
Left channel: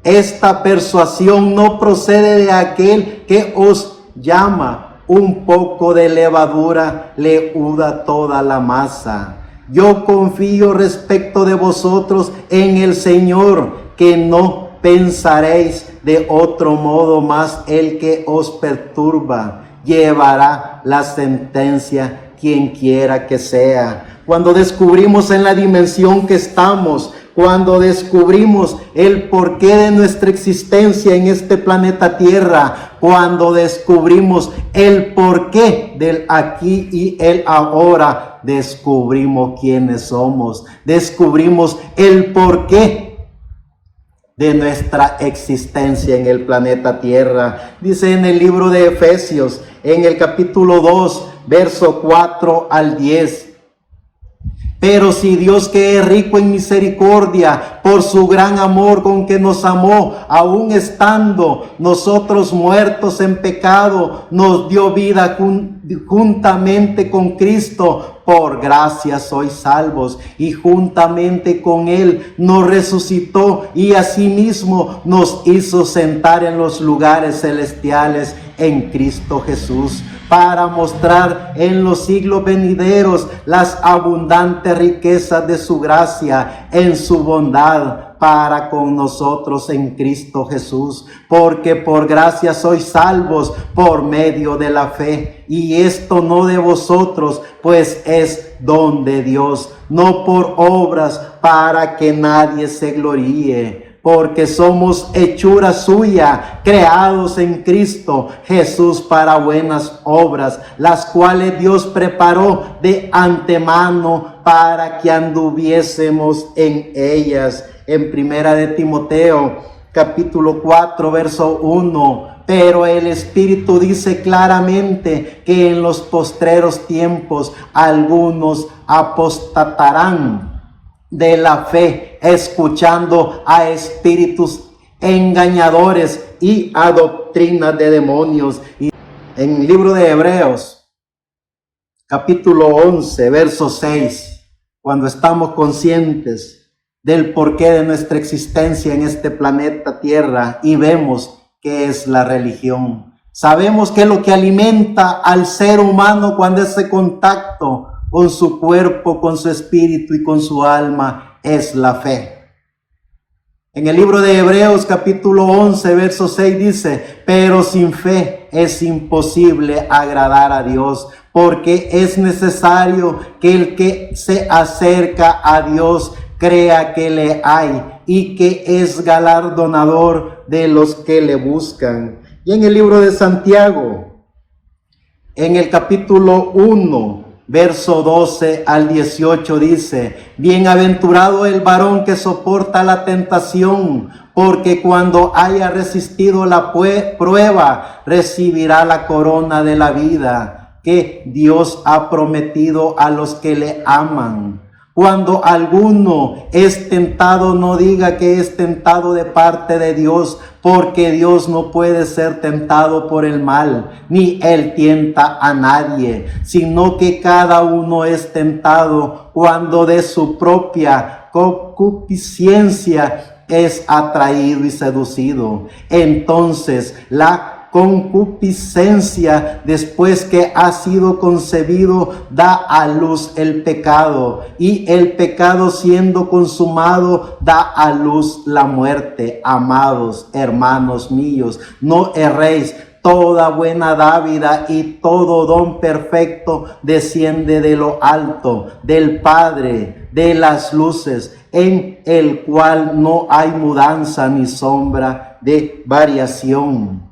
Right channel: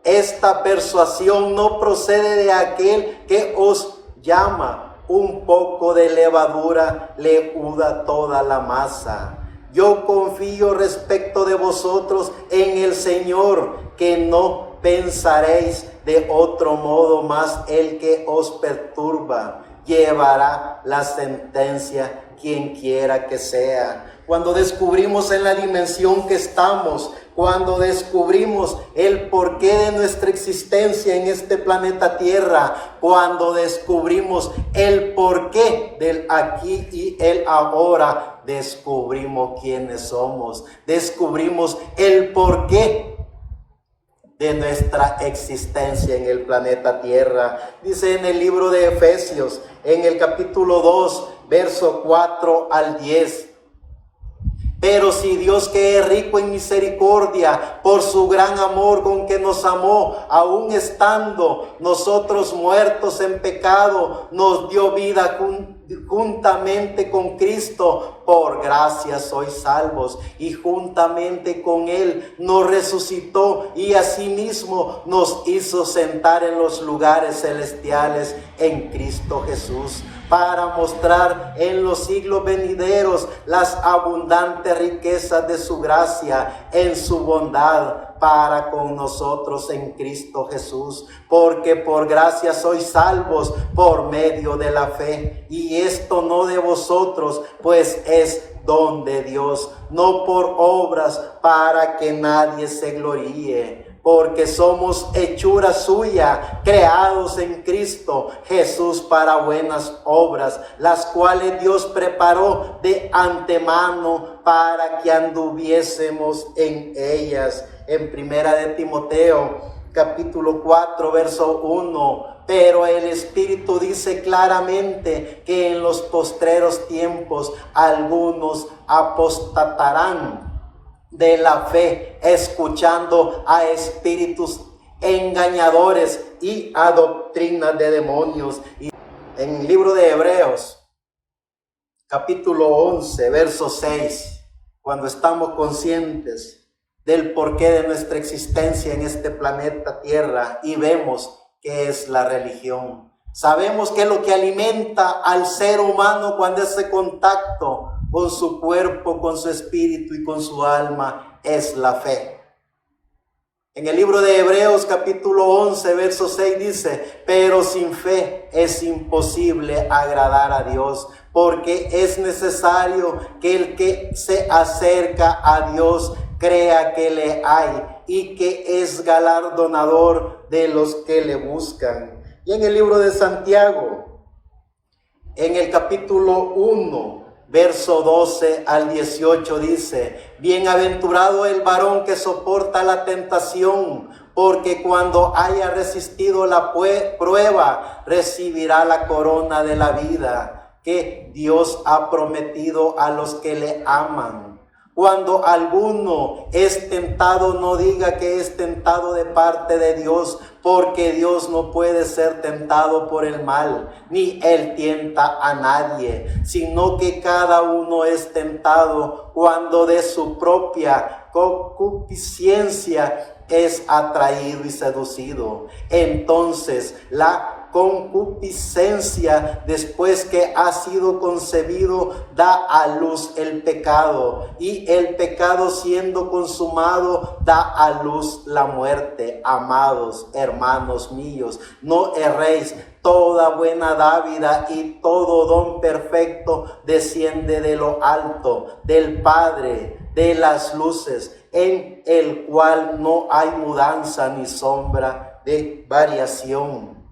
Esta persuasión no procede de aquel que os llama. Un poco de levadura leuda toda la masa. Yo confío respecto de vosotros en el Señor, que no pensaréis de otro modo, mas el que os perturba llevará la sentencia, quien quiera que sea. Cuando descubrimos en la dimensión que estamos, cuando descubrimos el porqué de nuestra existencia en este planeta Tierra, cuando descubrimos el porqué del aquí y el ahora, descubrimos quiénes somos, descubrimos el porqué de nuestra existencia en el planeta Tierra. Dice en el libro de Efesios, en el capítulo 2, verso 4 al 10. Pero si Dios, que es rico en misericordia, por su gran amor con que nos amó, aun estando nosotros muertos en pecado, nos dio vida juntamente con Cristo, por gracia sois salvos, y juntamente con Él nos resucitó y asimismo nos hizo sentar en los lugares celestiales en Cristo Jesús, para mostrar en los siglos venideros las abundantes riquezas de su gracia en su bondad para con nosotros en Cristo Jesús. Porque por gracia sois salvos por medio de la fe, y esto no de vosotros, pues es don de Dios, no por obras, para que nadie se gloríe. Porque somos hechura suya, creados en Cristo Jesús para buenas obras, las cuales Dios preparó de antemano para que anduviésemos en ellas. En primera de Timoteo, capítulo 4, verso 1. Pero el Espíritu dice claramente que en los postreros tiempos algunos apostatarán de la fe, escuchando a espíritus engañadores y a doctrinas de demonios. Y en el libro de Hebreos, capítulo 11, verso 6, cuando estamos conscientes del porqué de nuestra existencia en este planeta Tierra y vemos qué es la religión, sabemos que lo que alimenta al ser humano cuando ese contacto con su cuerpo, con su espíritu y con su alma es la fe. En el libro de Hebreos capítulo 11, verso 6 dice: pero sin fe es imposible agradar a Dios, porque es necesario que el que se acerca a Dios crea que le hay y que es galardonador de los que le buscan. Y en el libro de Santiago, en el capítulo 1, verso 12 al 18 dice: bienaventurado el varón que soporta la tentación, porque cuando haya resistido la prueba, recibirá la corona de la vida que Dios ha prometido a los que le aman. Cuando alguno es tentado, no diga que es tentado de parte de Dios, porque Dios no puede ser tentado por el mal, ni Él tienta a nadie, sino que cada uno es tentado cuando de su propia concupiscencia es atraído y seducido. Entonces la concupiscencia, después que ha sido concebido, da a luz el pecado, y el pecado, siendo consumado, da a luz la muerte. Amados hermanos míos, no erréis. Toda buena dádiva y todo don perfecto desciende de lo alto, del Padre de las luces, en el cual no hay mudanza ni sombra de variación.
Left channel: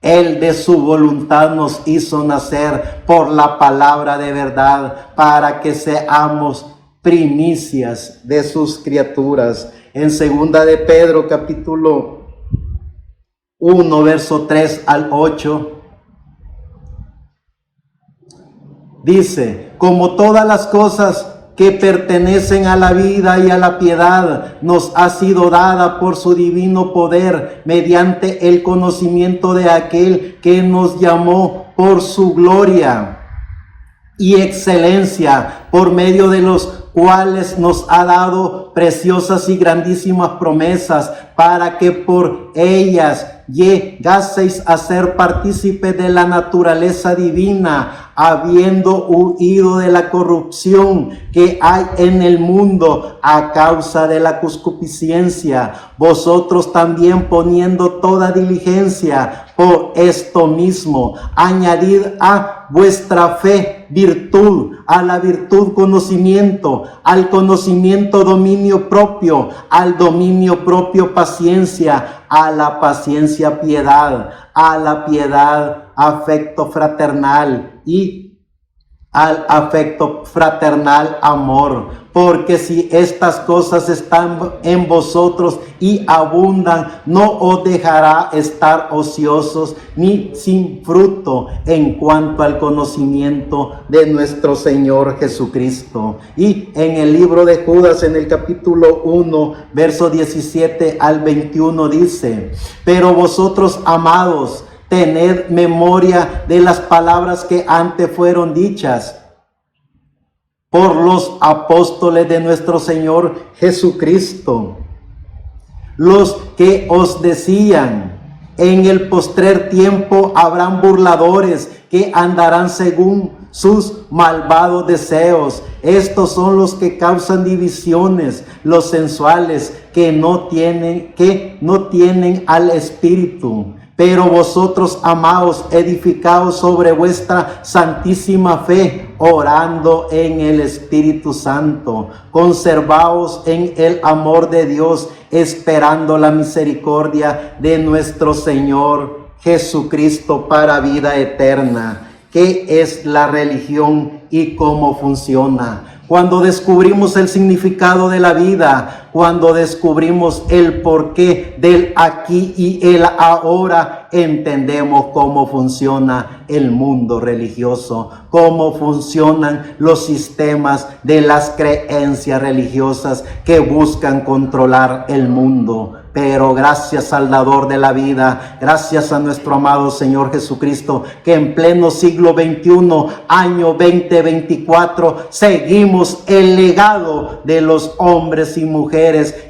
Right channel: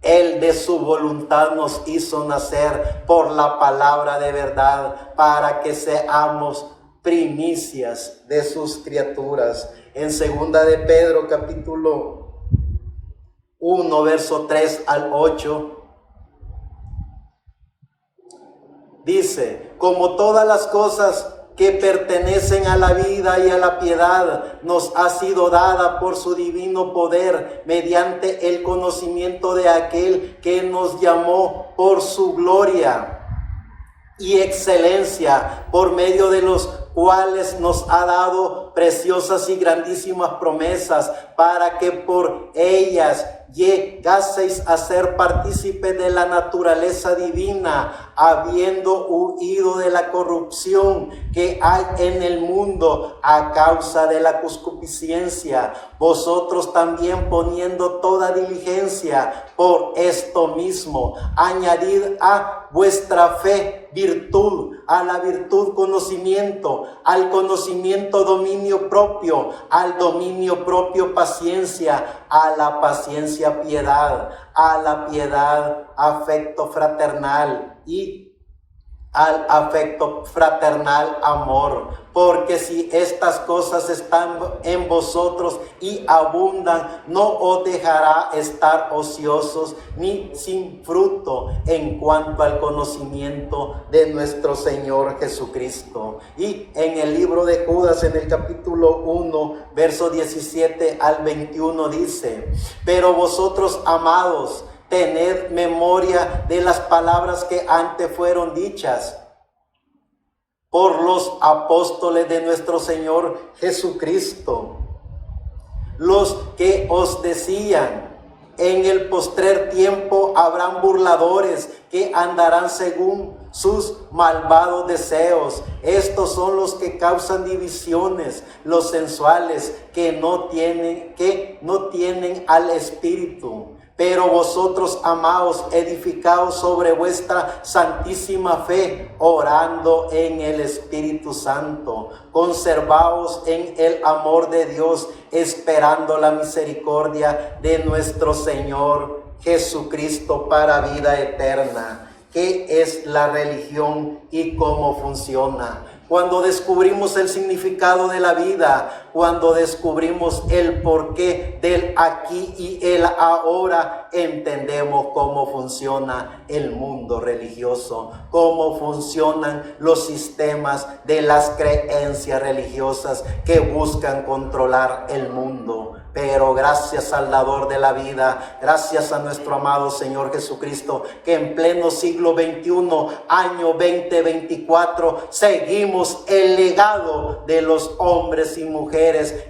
Él de su voluntad nos hizo nacer por la palabra de verdad, para que seamos primicias de sus criaturas. En segunda de Pedro, capítulo 1, verso 3 al 8, dice: como todas las cosas que pertenecen a la vida y a la piedad, nos ha sido dada por su divino poder, mediante el conocimiento de aquel que nos llamó por su gloria y excelencia, por medio de los cuales nos ha dado preciosas y grandísimas promesas, para que por ellas llegaseis a ser partícipes de la naturaleza divina, habiendo huido de la corrupción que hay en el mundo a causa de la concupiscencia. Vosotros también, poniendo toda diligencia, por esto mismo añadid a vuestra fe virtud, a la virtud conocimiento, al conocimiento dominio propio, al dominio propio paciencia, a la paciencia piedad, a la piedad afecto fraternal y al afecto fraternal amor. Porque si estas cosas están en vosotros y abundan, no os dejará estar ociosos ni sin fruto en cuanto al conocimiento de nuestro Señor Jesucristo. Y en el libro de Judas, en el capítulo 1, verso 17 al 21 dice: pero vosotros, amados, tened memoria de las palabras que antes fueron dichas por los apóstoles de nuestro Señor Jesucristo, los que os decían: En el postrer tiempo habrán burladores que andarán según sus malvados deseos. Estos son los que causan divisiones, los sensuales, que no tienen al Espíritu. Pero vosotros, amados, edificaos sobre vuestra santísima fe, orando en el Espíritu Santo. Conservaos en el amor de Dios, esperando la misericordia de nuestro Señor Jesucristo para vida eterna. ¿Qué es la religión y cómo funciona? Cuando descubrimos el significado de la vida, cuando descubrimos el porqué del aquí y el ahora, entendemos cómo funciona el mundo religioso, cómo funcionan los sistemas de las creencias religiosas que buscan controlar el mundo. Pero gracias al dador de la vida, gracias a nuestro amado Señor Jesucristo, que en pleno siglo XXI, año 2024, seguimos el legado de los hombres y mujeres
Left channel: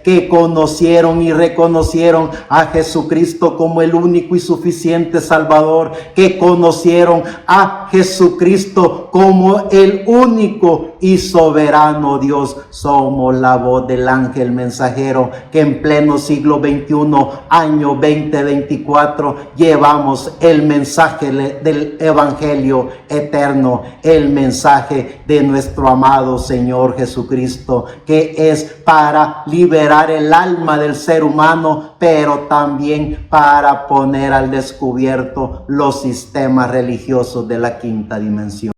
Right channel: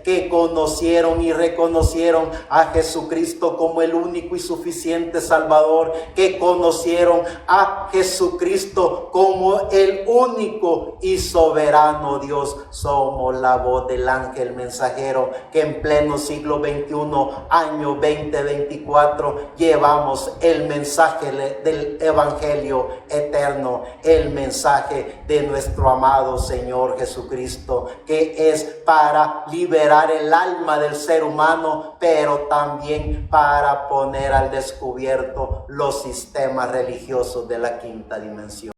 que conocieron y reconocieron a Jesucristo como el único y suficiente Salvador, que conocieron a Jesucristo como el único y soberano Dios. Somos la voz del ángel mensajero que en pleno siglo XXI, año 2024, llevamos el mensaje del Evangelio eterno, el mensaje de nuestro amado Señor Jesucristo, que es para liberar el alma del ser humano, pero también para poner al descubierto los sistemas religiosos de la quinta dimensión.